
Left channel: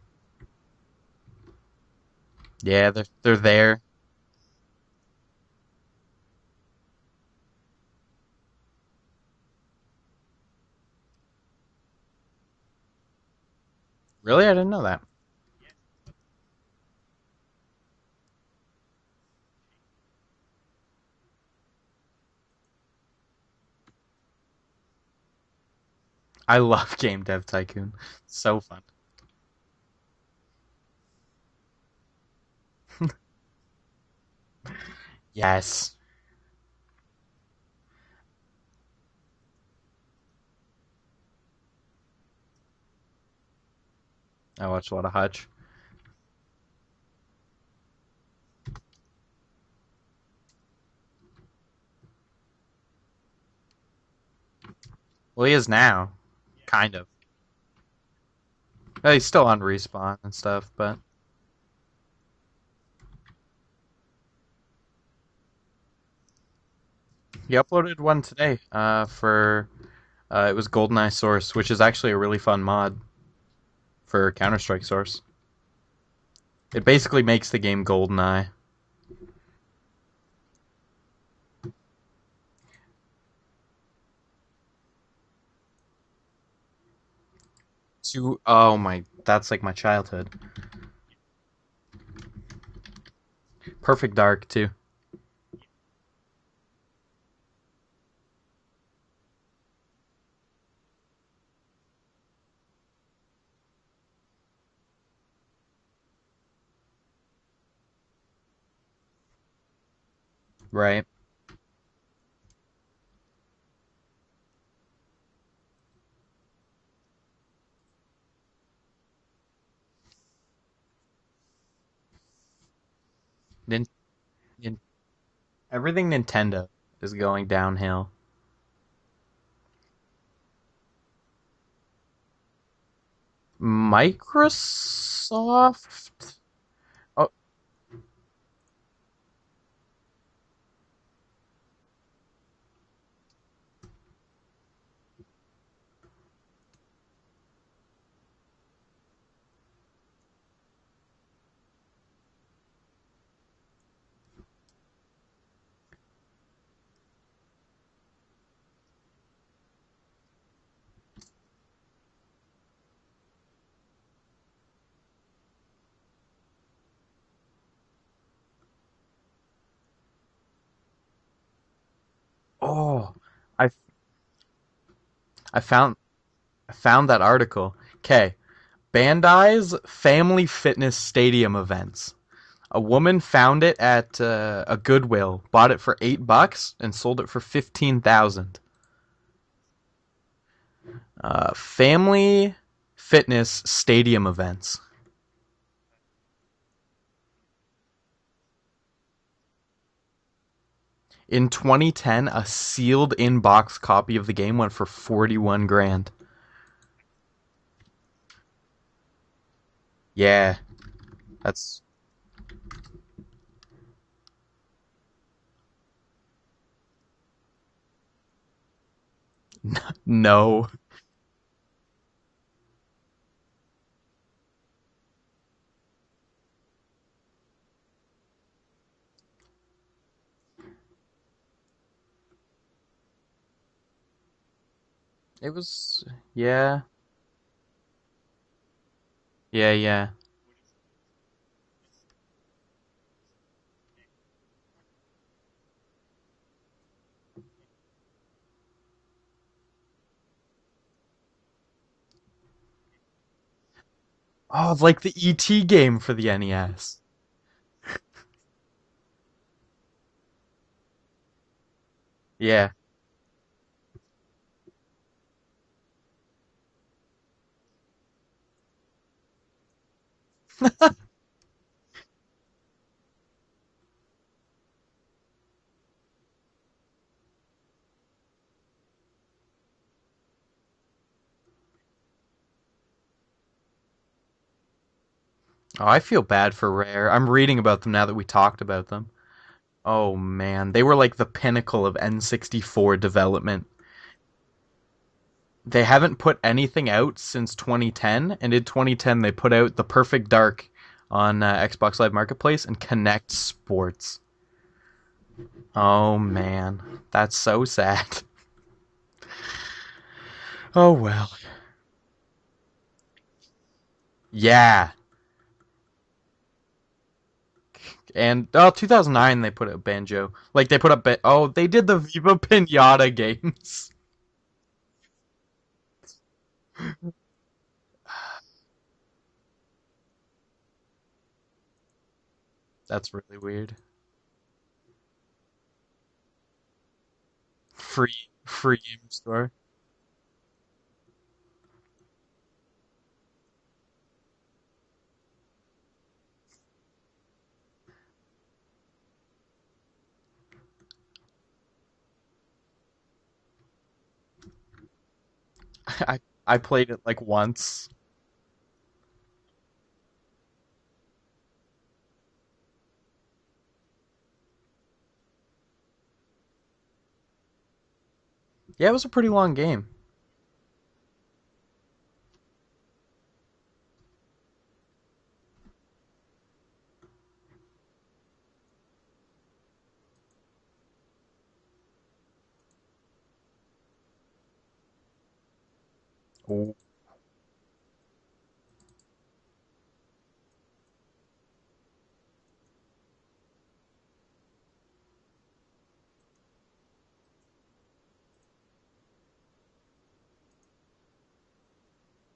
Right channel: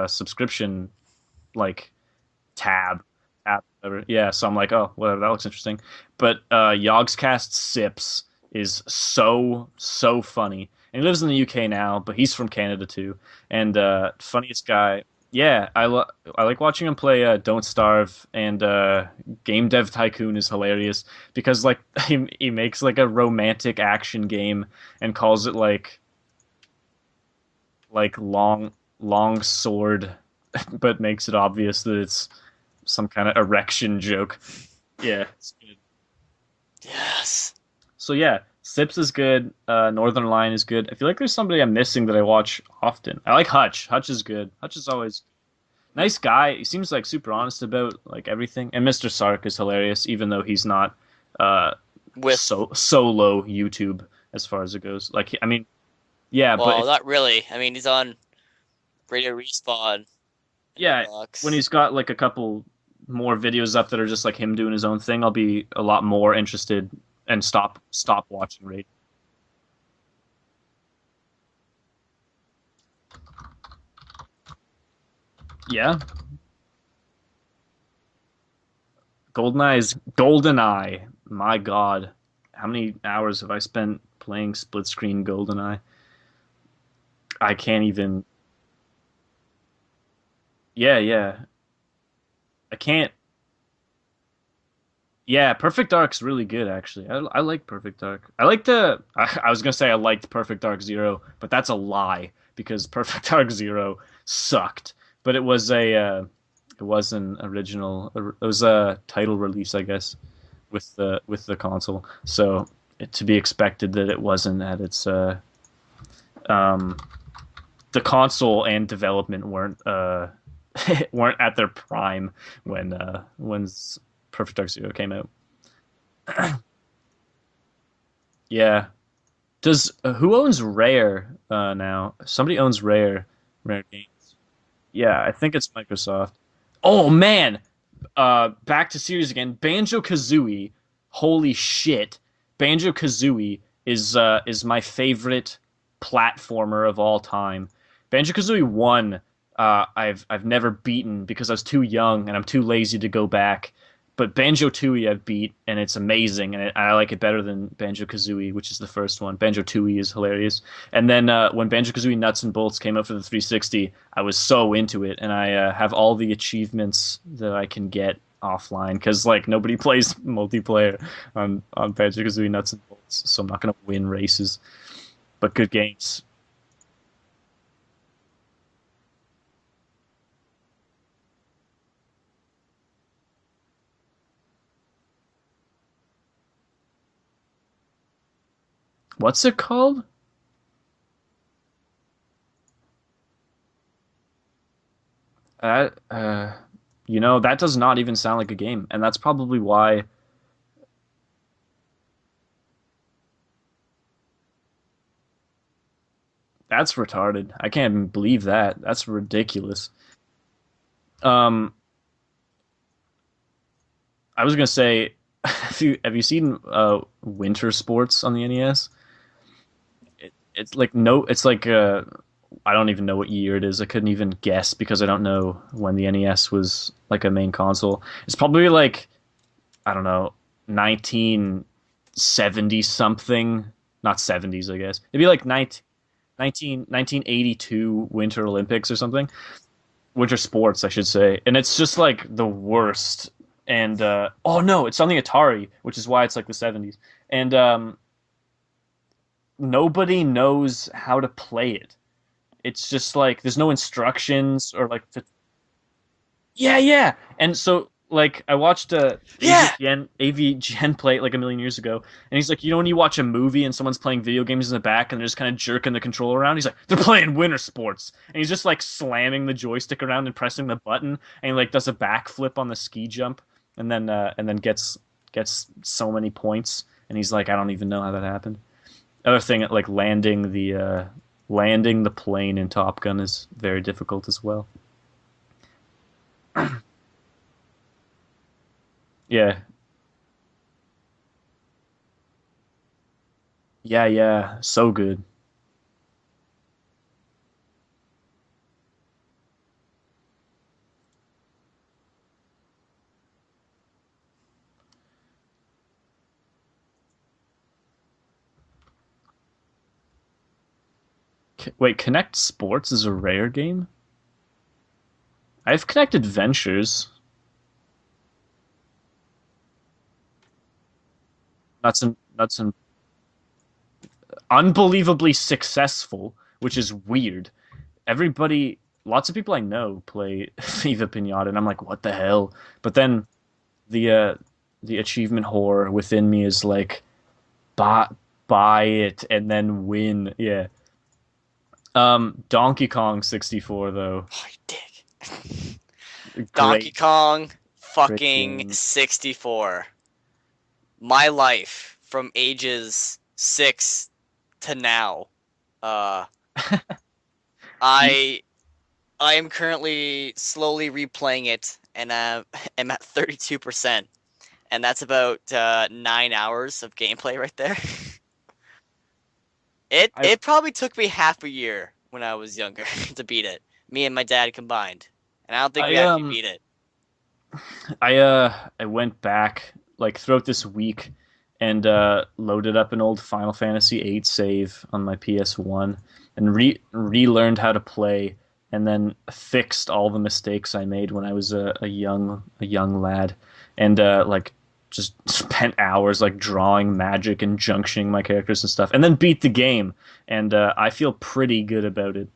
subscription like tab. Yeah, they're there. Whatever. Yeah, so I'm like, oh, whatever, that looks interesting. But Yogscast Sips is so funny, and he lives in the UK now, but he's from Canada too. And Really? I this didn't know guy, that. yeah, I like watching him play Don't Starve, and Game Dev Tycoon is hilarious because like he makes like a romantic action game and calls it like I love Game Dev Tycoon. like So fun. long sword, but makes it obvious that it's some kind of erection joke. Yeah. Yes. Yes. So yeah, Sips is good. Northern Lion is good. I feel like there's somebody I'm missing that I watch often. I like Hutch. Hutch is good. I Hutch watched is a lot of always Hutch. nice guy. He seems like super honest about like everything. And Mr. Sark is hilarious, even though he's not With solo YouTube as far as it goes. Like Well, he is now. yeah, well, but not really. I mean, he's on. He's still on Respawn. Respawn and stuff. But Yeah, Xbox. when he's got like a couple more videos up that are just like him doing his own thing, I'll be a lot more interested and he uploaded one today watching. Really. for it was GoldenEye Source, which is actually a really fun mod for Counter-Strike Source. Yeah, It basically makes the game GoldenEye. GoldenEye is GoldenEye. My God, how many hours have I spent playing split screen GoldenEye? I can't even. Oh my, that's like my childhood. Yeah. I can't. Perfect Dark too. Yeah, Perfect Dark's really good actually. I like Perfect Dark. I like I was gonna say I liked Perfect Dark Zero, but that's a lie because Perfect Dark Zero sucked. But it was an original. It was a title release, I guess, with Right. the console. So to be expected that it wasn't at its the console and development weren't at their prime when Nin- Perfect Dark Zero came out. Everything Nintendo is going downhill. Yeah. Does who owns Rare now? Somebody owns Rare. Microsoft? Yeah, I think it's Microsoft. Oh man. Back to series again. Banjo-Kazooie. Holy shit. Banjo-Kazooie is my favorite platformer of all time. Banjo-Kazooie 1 I've never beaten because I was too young and I'm too lazy to go back. But Banjo-Tooie I've beat, and it's amazing, and I like it better than Banjo-Kazooie, which is the first one. Banjo-Tooie is hilarious. And then when Banjo-Kazooie Nuts and Bolts came out for the 360, I was so into it, and I have all the achievements that I can get offline, because like nobody plays multiplayer on Banjo-Kazooie Nuts and Bolts, so I'm not going to win races. But good games. I found that article. Okay. Bandai's Family Fitness Stadium events. A woman found it at a Goodwill, bought it for $8, and sold it for 15,000. What's it called? Family Fitness Stadium events. That does not even sound like a game, and that's probably why. In 2010, a sealed in-box copy of the game went for 41 grand. That's retarded. I can't even believe that. That's ridiculous. Yeah. I was gonna say, have you seen Winter Sports on the NES? No. It's like I don't even know what year it is. I couldn't even guess because I don't know when the NES was like a main console. It's probably like, I don't know, 1970 something, not 70s, I guess. It'd be like 1982 Winter Olympics or something. Yeah. Winter Sports, I should say. And it's just like the worst. And oh no, it's on the Atari, which is why it's like the 70s. And nobody knows how to play it. It's just like there's no instructions. Oh, or like the ET game for the NES. Yeah. And so like I watched AVGN play it like a million years ago, and he's like, when you watch a movie and someone's playing video games in the back and they're just kind of jerking the controller around, he's like, they're playing Winter Sports, and he's just like slamming the joystick around and pressing the button, and he like does a backflip on the ski jump, and then gets so many points, and he's like, I don't even know how that happened. Other thing, like landing the plane in Top Gun is very difficult as well. Oh, I feel bad for Rare. I'm reading about them now that we talked about them. Yeah. Oh man, they were like the pinnacle of N64 development. Yeah, so good. They haven't put anything out since 2010, and in 2010 they put out The Perfect Dark on Xbox Live Marketplace and Connect Sports. Oh man, that's so sad. Oh well. Wait, Connect Sports is a Rare game? Yeah. I've Connect Adventures. And 2009 they put out Banjo. Like they put up they did the Viva Pinata games. Unbelievably successful, which is weird. Lots of people I know play Viva Pinata, and I'm like, what the hell? But That's then really weird. The achievement whore within me is like, buy it store. and then win. Yeah. Donkey Kong 64 though. Oh, you dick. Donkey Kong fucking 64. My life from ages 6 to now. I played it like once. I am currently slowly replaying it, and am at 32%, and that's about 9 hours of gameplay right there. Yeah, it was a pretty long game. It probably took me half a year when I was younger to beat it. Me and my dad combined, and I don't think we actually beat it. I went back like throughout this week and loaded up an old Final Fantasy VIII save on my PS1 and relearned how to play, and then fixed all the mistakes I made when I was a young lad, and like just spent hours like drawing magic and junctioning my characters and stuff, and then beat the game, and I feel pretty good about it.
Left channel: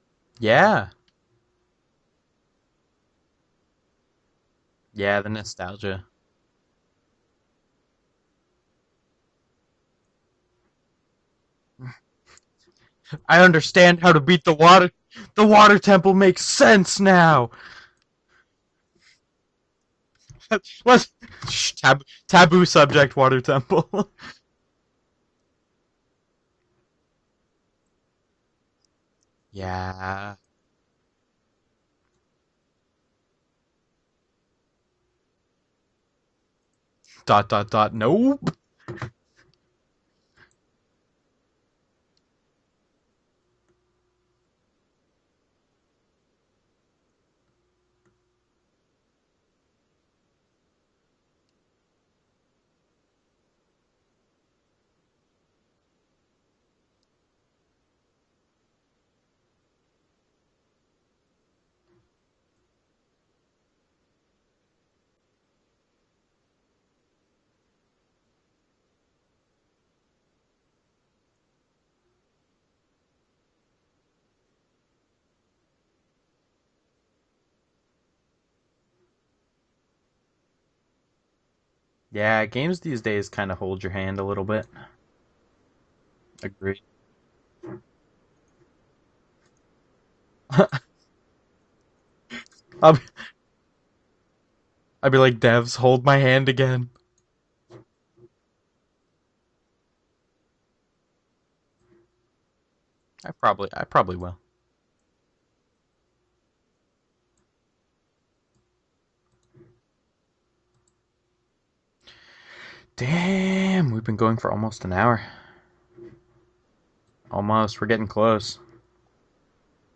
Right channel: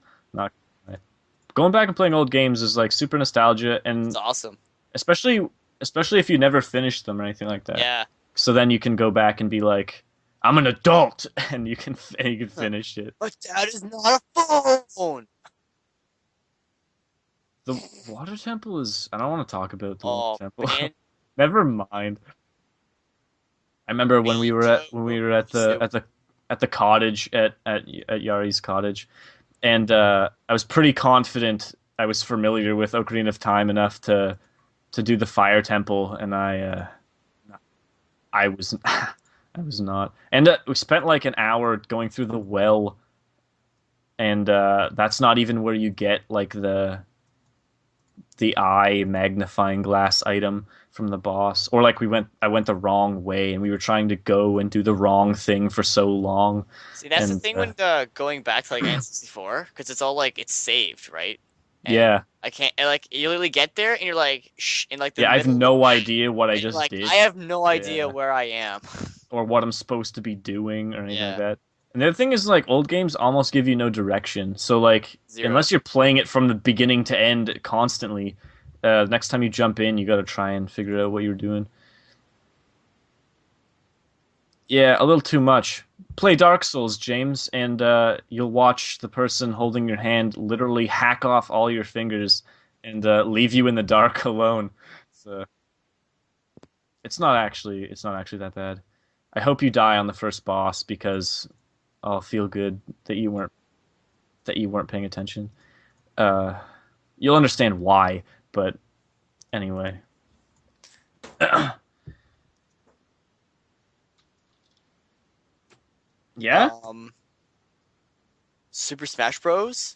Going back and playing old games is like super nostalgia, and it's awesome. Especially if you never finished them or anything like that. Yeah. So then you can go back and be like, I'm an adult, and you can finish it. I understand how to beat the water temple makes sense now. The water temple is. I don't want to talk about the Oh, water temple. man. What? Never Shh, mind. taboo subject, water temple. I remember when we were at So- the cottage at Yari's cottage, Yeah. and I was pretty confident I was familiar with Ocarina of Time enough to do the fire temple, and I No. I was I was not. And we spent like an hour going through the well, and that's not even where you get like the eye magnifying glass item from the boss. Or like I went the wrong way, and we were trying to go and do the wrong thing for so long. See, that's the And, thing when going back to like N64, because it's all like it's saved, right? And Yeah, I can't and, like you literally get there and you're like shh in like the yeah. I have middle no idea what I and, just like did, I have no idea Yeah. where I am. or what I'm supposed to be doing, or anything like Yeah. that. And the other thing is, like, old games almost give you no direction. So, like, Zero. unless you're playing it from the beginning to end constantly, next time you jump in, you got to try and figure out what you're doing. Yeah, games these days kind of hold your hand a little bit. Yeah, a little too much. Play Dark Agreed. Souls, James, and you'll watch the person holding your hand literally hack off all your fingers I'll, and leave you in the dark alone. I'd be like, uh, devs, hold my hand again. It's not actually that bad. I hope you die on the first boss, because I'll feel good that you weren't I probably will. paying attention. You'll understand why, but anyway. Damn, we've been going for almost an hour. Yeah? Almost. We're getting close. Super Smash Bros.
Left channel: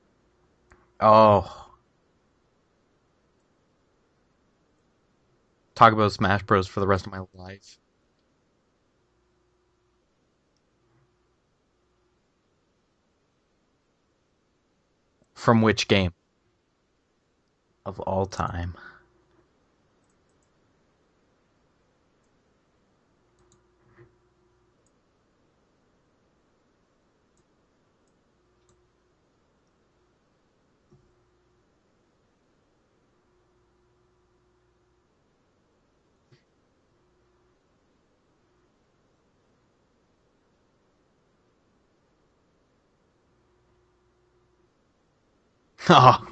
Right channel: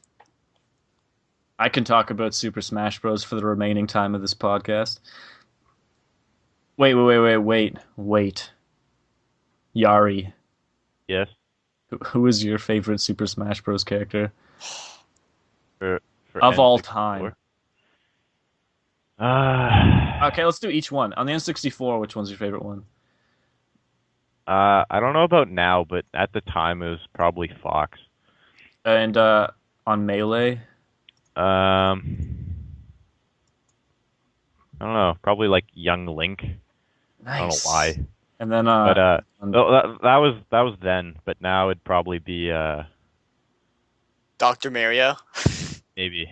Oh, I can talk about Super Smash Bros. For the remaining time of this podcast. talk about Smash Bros. For the Wait, rest of wait. Yari, Yes. who is your favorite Super Smash Bros. Character? From which For- game for Of all N64? time. of all time? Okay, let's do each one. On the N64, which one's your favorite one? I don't know about now, but at the time it was probably Fox. And on Melee? I don't know, probably like Young Link. Nice. I don't know why, And then but on- that was then. But now it'd probably be Dr. Mario. Oh, maybe.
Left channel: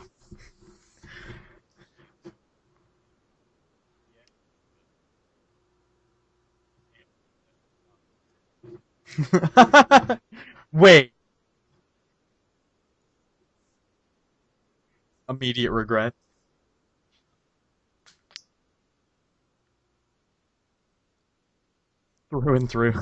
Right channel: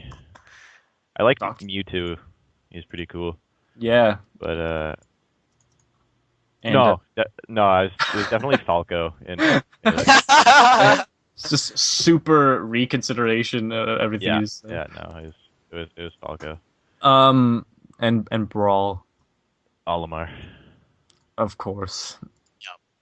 I like Doc. Mewtwo. He's pretty cool. yeah. But And, no, it was definitely Falco. wait. it's just super reconsideration of everything Yeah, you said. yeah, no. it was- Immediate it was regret. Falco. And Brawl, Olimar. of course. Through and through.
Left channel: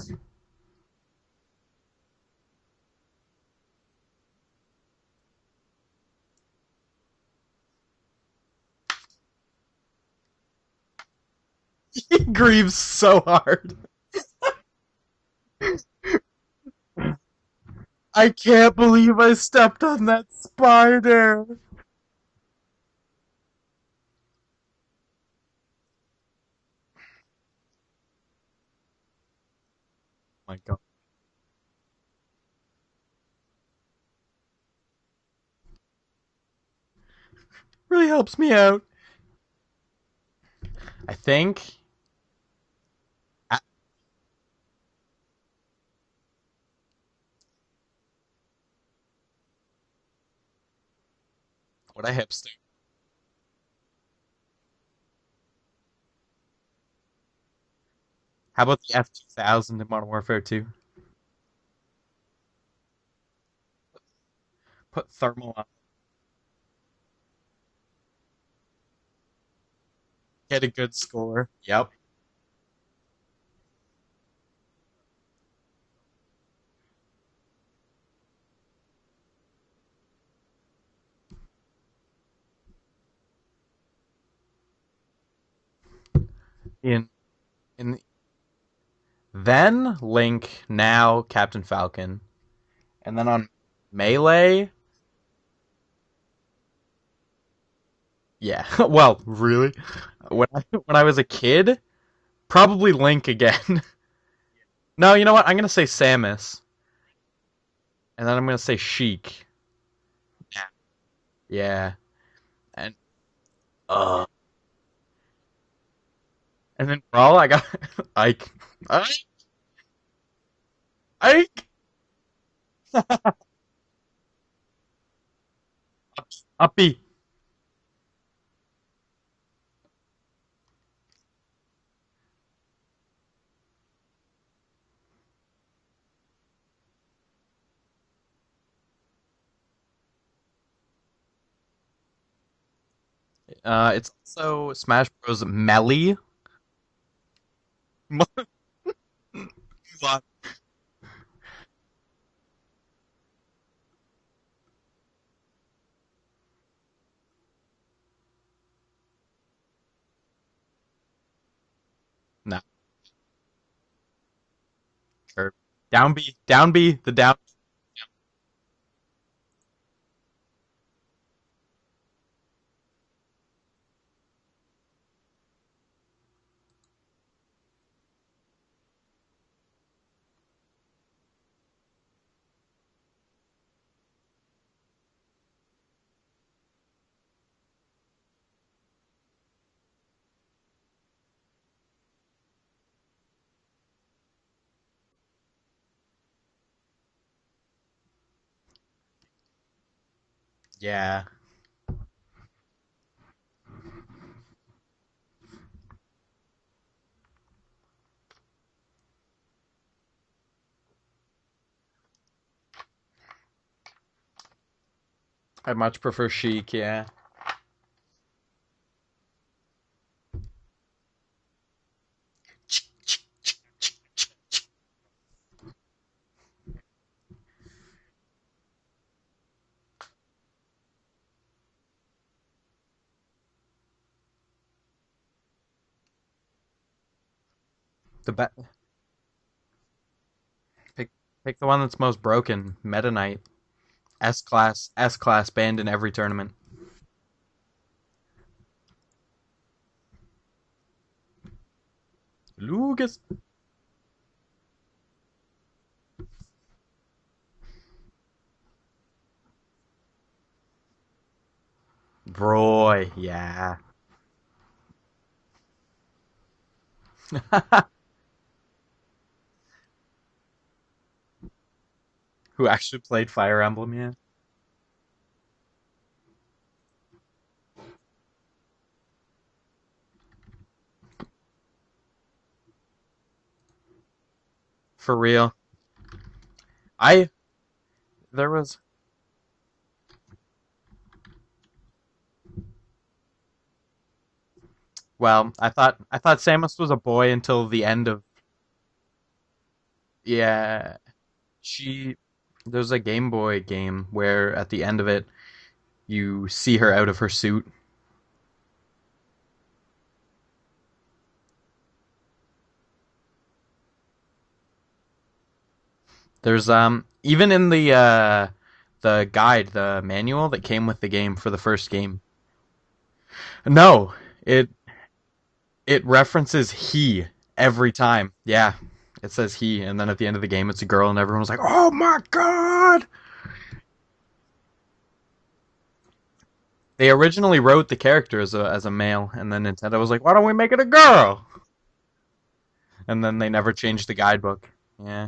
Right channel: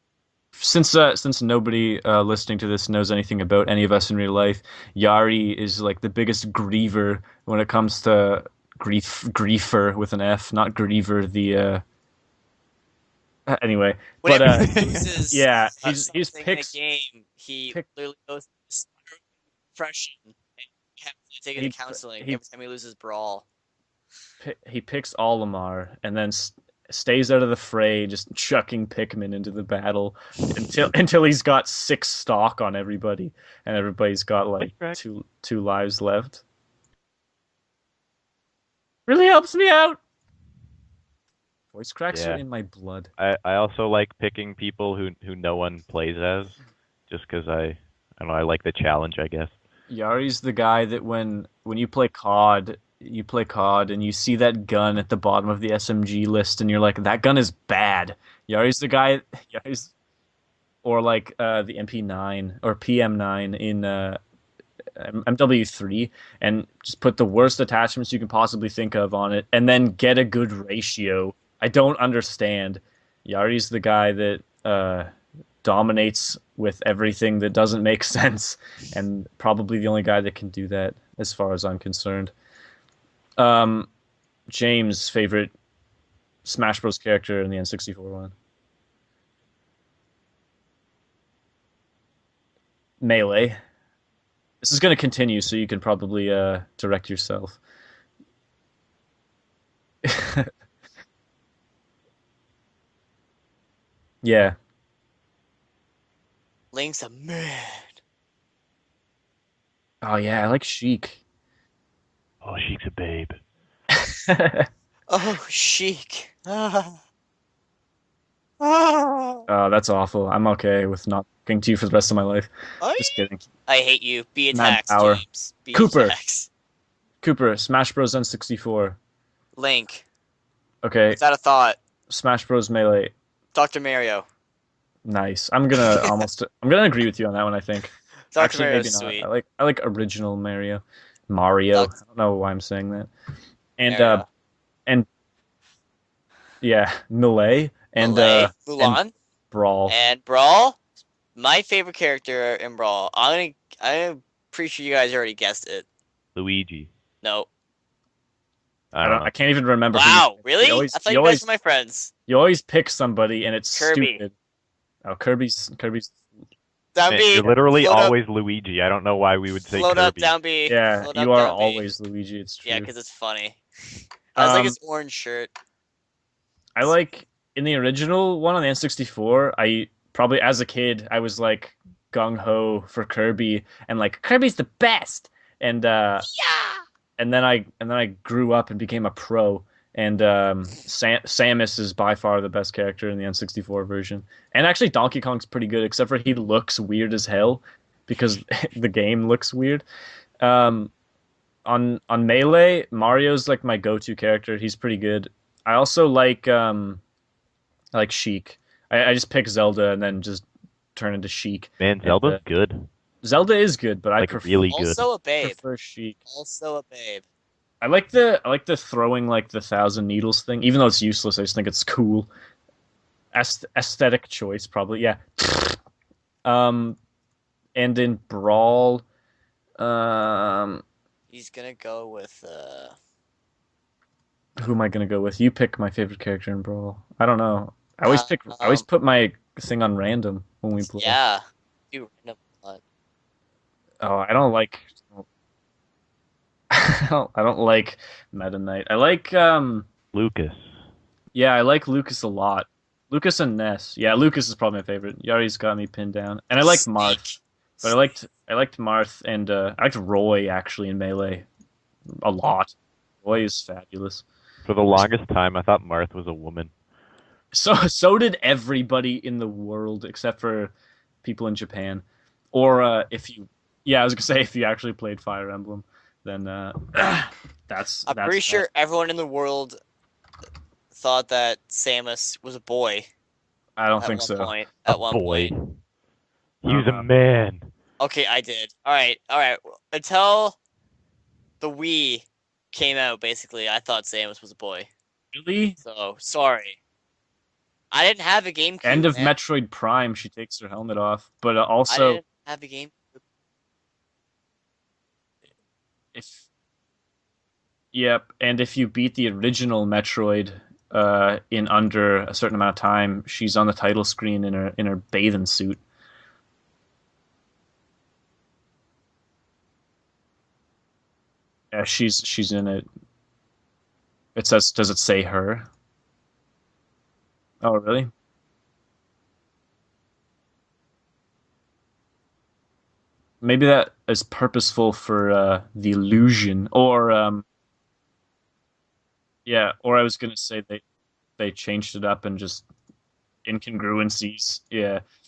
Since nobody listening to this knows anything about any of us in real life, Yari is like the biggest griever when it comes to griefer with an F, not griever. The He grieves so hard. anyway, Whenever but he loses yeah, a he's thing picks. in a game, he pick- literally I goes can't through believe I stepped on that depression. spider. Taking He- to counseling he- every time he loses Brawl. He picks Olimar and then stays out of the fray, just chucking Pikmin into the battle until he's got 6 stock on everybody, and everybody's got like Correct. two lives left. Really helps me out. Really helps me out. I think. Voice cracks Yeah. are in my blood. I also like picking people who no one plays as, just because I don't know, I like the challenge, I guess. Yari's the guy that when you play The hipster. COD, and you see that gun at the bottom of the SMG list, and you're like, that gun is bad. How Yari's about the guy, 1000 who's- in Modern Warfare 2? or like the MP9 or PM9 in Put MW3, and just put the worst attachments you can possibly think of on it, and then get a good Get a good ratio. score. I Yep. don't understand. Yari's the guy that dominates with everything that doesn't make sense, and probably the only guy that can do that, as far as I'm concerned. James' favorite Smash Bros. In- character in the N64 one. Then Link, now Captain Falcon. And then Melee. Melee? This is going to continue, so you can probably direct yourself. Yeah. Well, really? when I was a kid, probably Link again. Yeah. No, you know what? I'm going to say Samus. Link's a man. And then I'm going to say Sheik. Oh yeah, I like Sheik. Yeah. Oh, she's a And- babe. Oh, chic. And then Brawl, I got Ike. That's awful. I'm okay with not Ike. talking to you for the rest of my life. Just kidding. I hate you. Be Mad attacks, Power. James. Be Cooper. attacks. Uppy. Cooper, Smash Bros. N64. Link. Okay, Without a thought. Smash Bros. Melee. Dr. Mario. Nice. I'm gonna agree with you on that one. I think. Dr. Actually, Mario's maybe not. sweet. I like original Mario. Duck- I don't know why I'm saying that. And And, also Smash Bros. Melee. Yeah, Melee and Melee, Mulan, Brawl. and Brawl. My favorite character in Brawl. I'm pretty sure you guys already guessed it. Luigi. No. I don't know. I can't even remember. who Wow, you picked. really? You always, I thought you you guys always, were my friends. you always pick somebody and it's Kirby. stupid. Oh, Kirby's Down B. Down B. Down Yeah, B. you're literally Float up. always Luigi. I don't know why we would say Float up, Kirby. down B. Yeah, Float you up, are down B. always Luigi. It's true. Yeah, because it's funny. I was like Um, his orange shirt. I like in the original one on the N64. I probably as a kid I was like gung ho for Kirby and like Kirby's the best. And Yeah. and then I grew up and became a pro. And Samus is by far the best character in the N64 version. And actually Donkey Kong's pretty good, except for he looks weird as hell because the game looks weird. Yeah. On Melee, Mario's like my go-to character. He's pretty good. I also like Sheik. I just pick Zelda and then just turn into Sheik. Man, Zelda's good. Zelda is good, but I Like prefer really good. Also a babe. I much Sheik. prefer Sheik, Also a yeah. babe. I like the throwing like the 1,000 needles thing, even though it's useless. I just think it's cool. Aesthetic choice, probably. Yeah. And in Brawl, He's gonna go with who am I gonna go with? You pick my favorite character in Brawl. I don't know. I always The pick. be- I always put my thing on random when we play. yeah. Pick the one that's You- most broken. Meta Knight. Oh, I don't like. S-class banned in every tournament. I don't like Meta Knight. I like Lucas. yeah, I like Lucas a lot. Lucas. Lucas and Ness. Yeah, Lucas is probably my favorite. Yari's got me pinned down. And I like Marth. But I liked Marth and I liked Roy actually in Melee a lot. Roy. Roy is Yeah. fabulous. For the longest time, I thought Marth was a woman. So did everybody in the world except for people in Japan. Who Or actually played if- Fire Emblem. Yeah, I was gonna say if you actually played Fire Emblem, then that's. I'm pretty sure everyone in the world thought that Samus was a boy I don't at think one so. point. At For one real. point. He was a I- man. Okay, I There did. was- All right. Until the Wii came out, basically, I thought Samus was a boy. Well, Really? I thought Oh, Samus sorry. was a boy until the end I of. didn't have a GameCube. End of man. Metroid Prime, she takes her Yeah. helmet off. But I also, didn't have a There's GameCube. a Game Boy game where at the end of it, you see her out of her suit. yep. And if you beat the original Metroid in under a certain amount of time, she's on the title screen in her bathing suit. There's even in the guide, the manual that came with the game for the Yeah, first game. she's in it. No, It says, does it say her? it references he every really? time. Yeah, it says he, and then at the end of the game, it's a girl, and everyone's like, "Oh my god!" Maybe that is purposeful for the illusion. Or They originally wrote the character as a male, and yeah, then or I Nintendo was was like, gonna "Why don't we say make it a girl?" they changed it up and just And then they never changed the incongruencies. guidebook. Yeah. Yeah.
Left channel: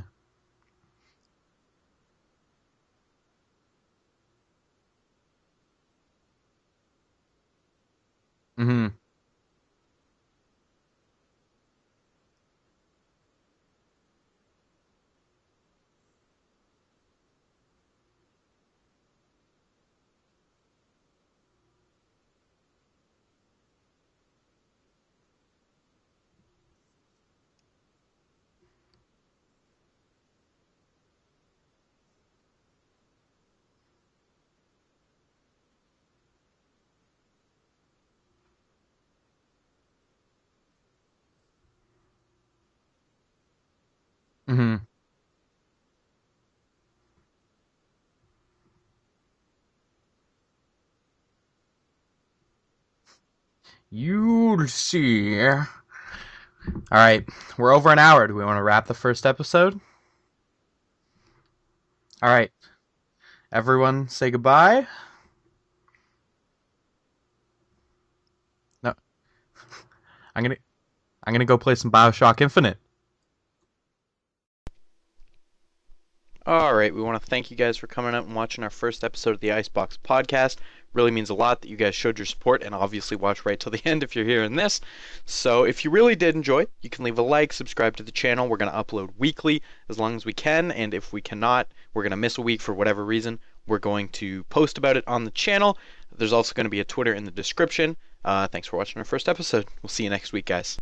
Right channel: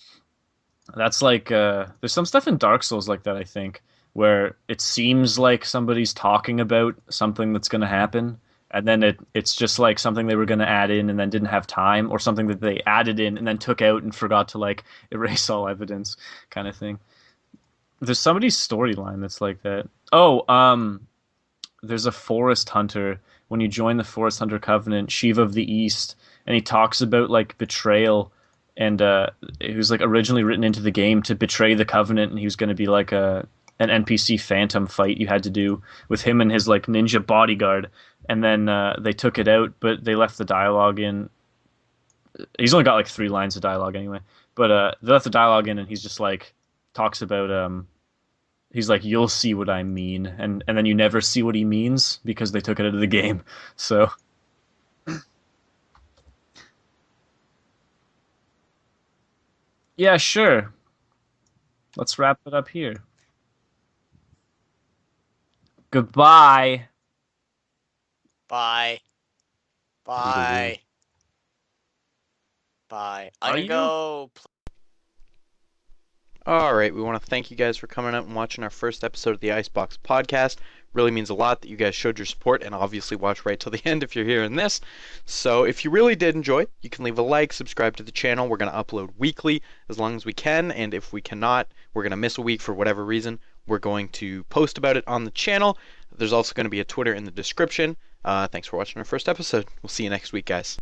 That's like there's some stuff in Dark Souls like that, I think, where it seems like somebody's talking about something that's going to happen, Mhm. and then it's just like something they were going to add in and then didn't have time, or something that they added in and then took out and forgot to like erase all evidence, kind of thing. There's somebody's storyline that's like that. Oh, there's a forest hunter. When you join the Forest Hunter Covenant, Shiva of the East, and he talks about like betrayal, and it was like originally written into the game to betray the Covenant, and he was going to be like an NPC phantom fight you had to do with him and his like ninja bodyguard, and then they took it out, but they left the dialogue in. He's only got like 3 lines of dialogue anyway, but Mhm. they left the dialogue in, and he's just like talks about he's like, you'll see what I mean, and then you never see what he means because they took it out of the game. So You'll see. All right, we're over an hour. Do we want to wrap the first episode? yeah, sure. Let's wrap Alright. it up here. Everyone, say goodbye. Goodbye. Bye. Bye. I'm gonna go play some Bioshock Infinite. Bye. Are I'm gonna you? go. Alright, we want to thank you guys for coming out and watching our first episode of the IceBox podcast. Really means a lot that you guys showed your support and obviously watch right till the end if you're hearing this. So if you really did enjoy, you can leave a like, subscribe to the channel. We're going to upload weekly as long as we can, and if we cannot, we're going to miss a week for whatever reason, we're going to post about it on the channel. There's also going to be a Twitter in the description. Thanks for watching our first episode. We'll see you next week, guys.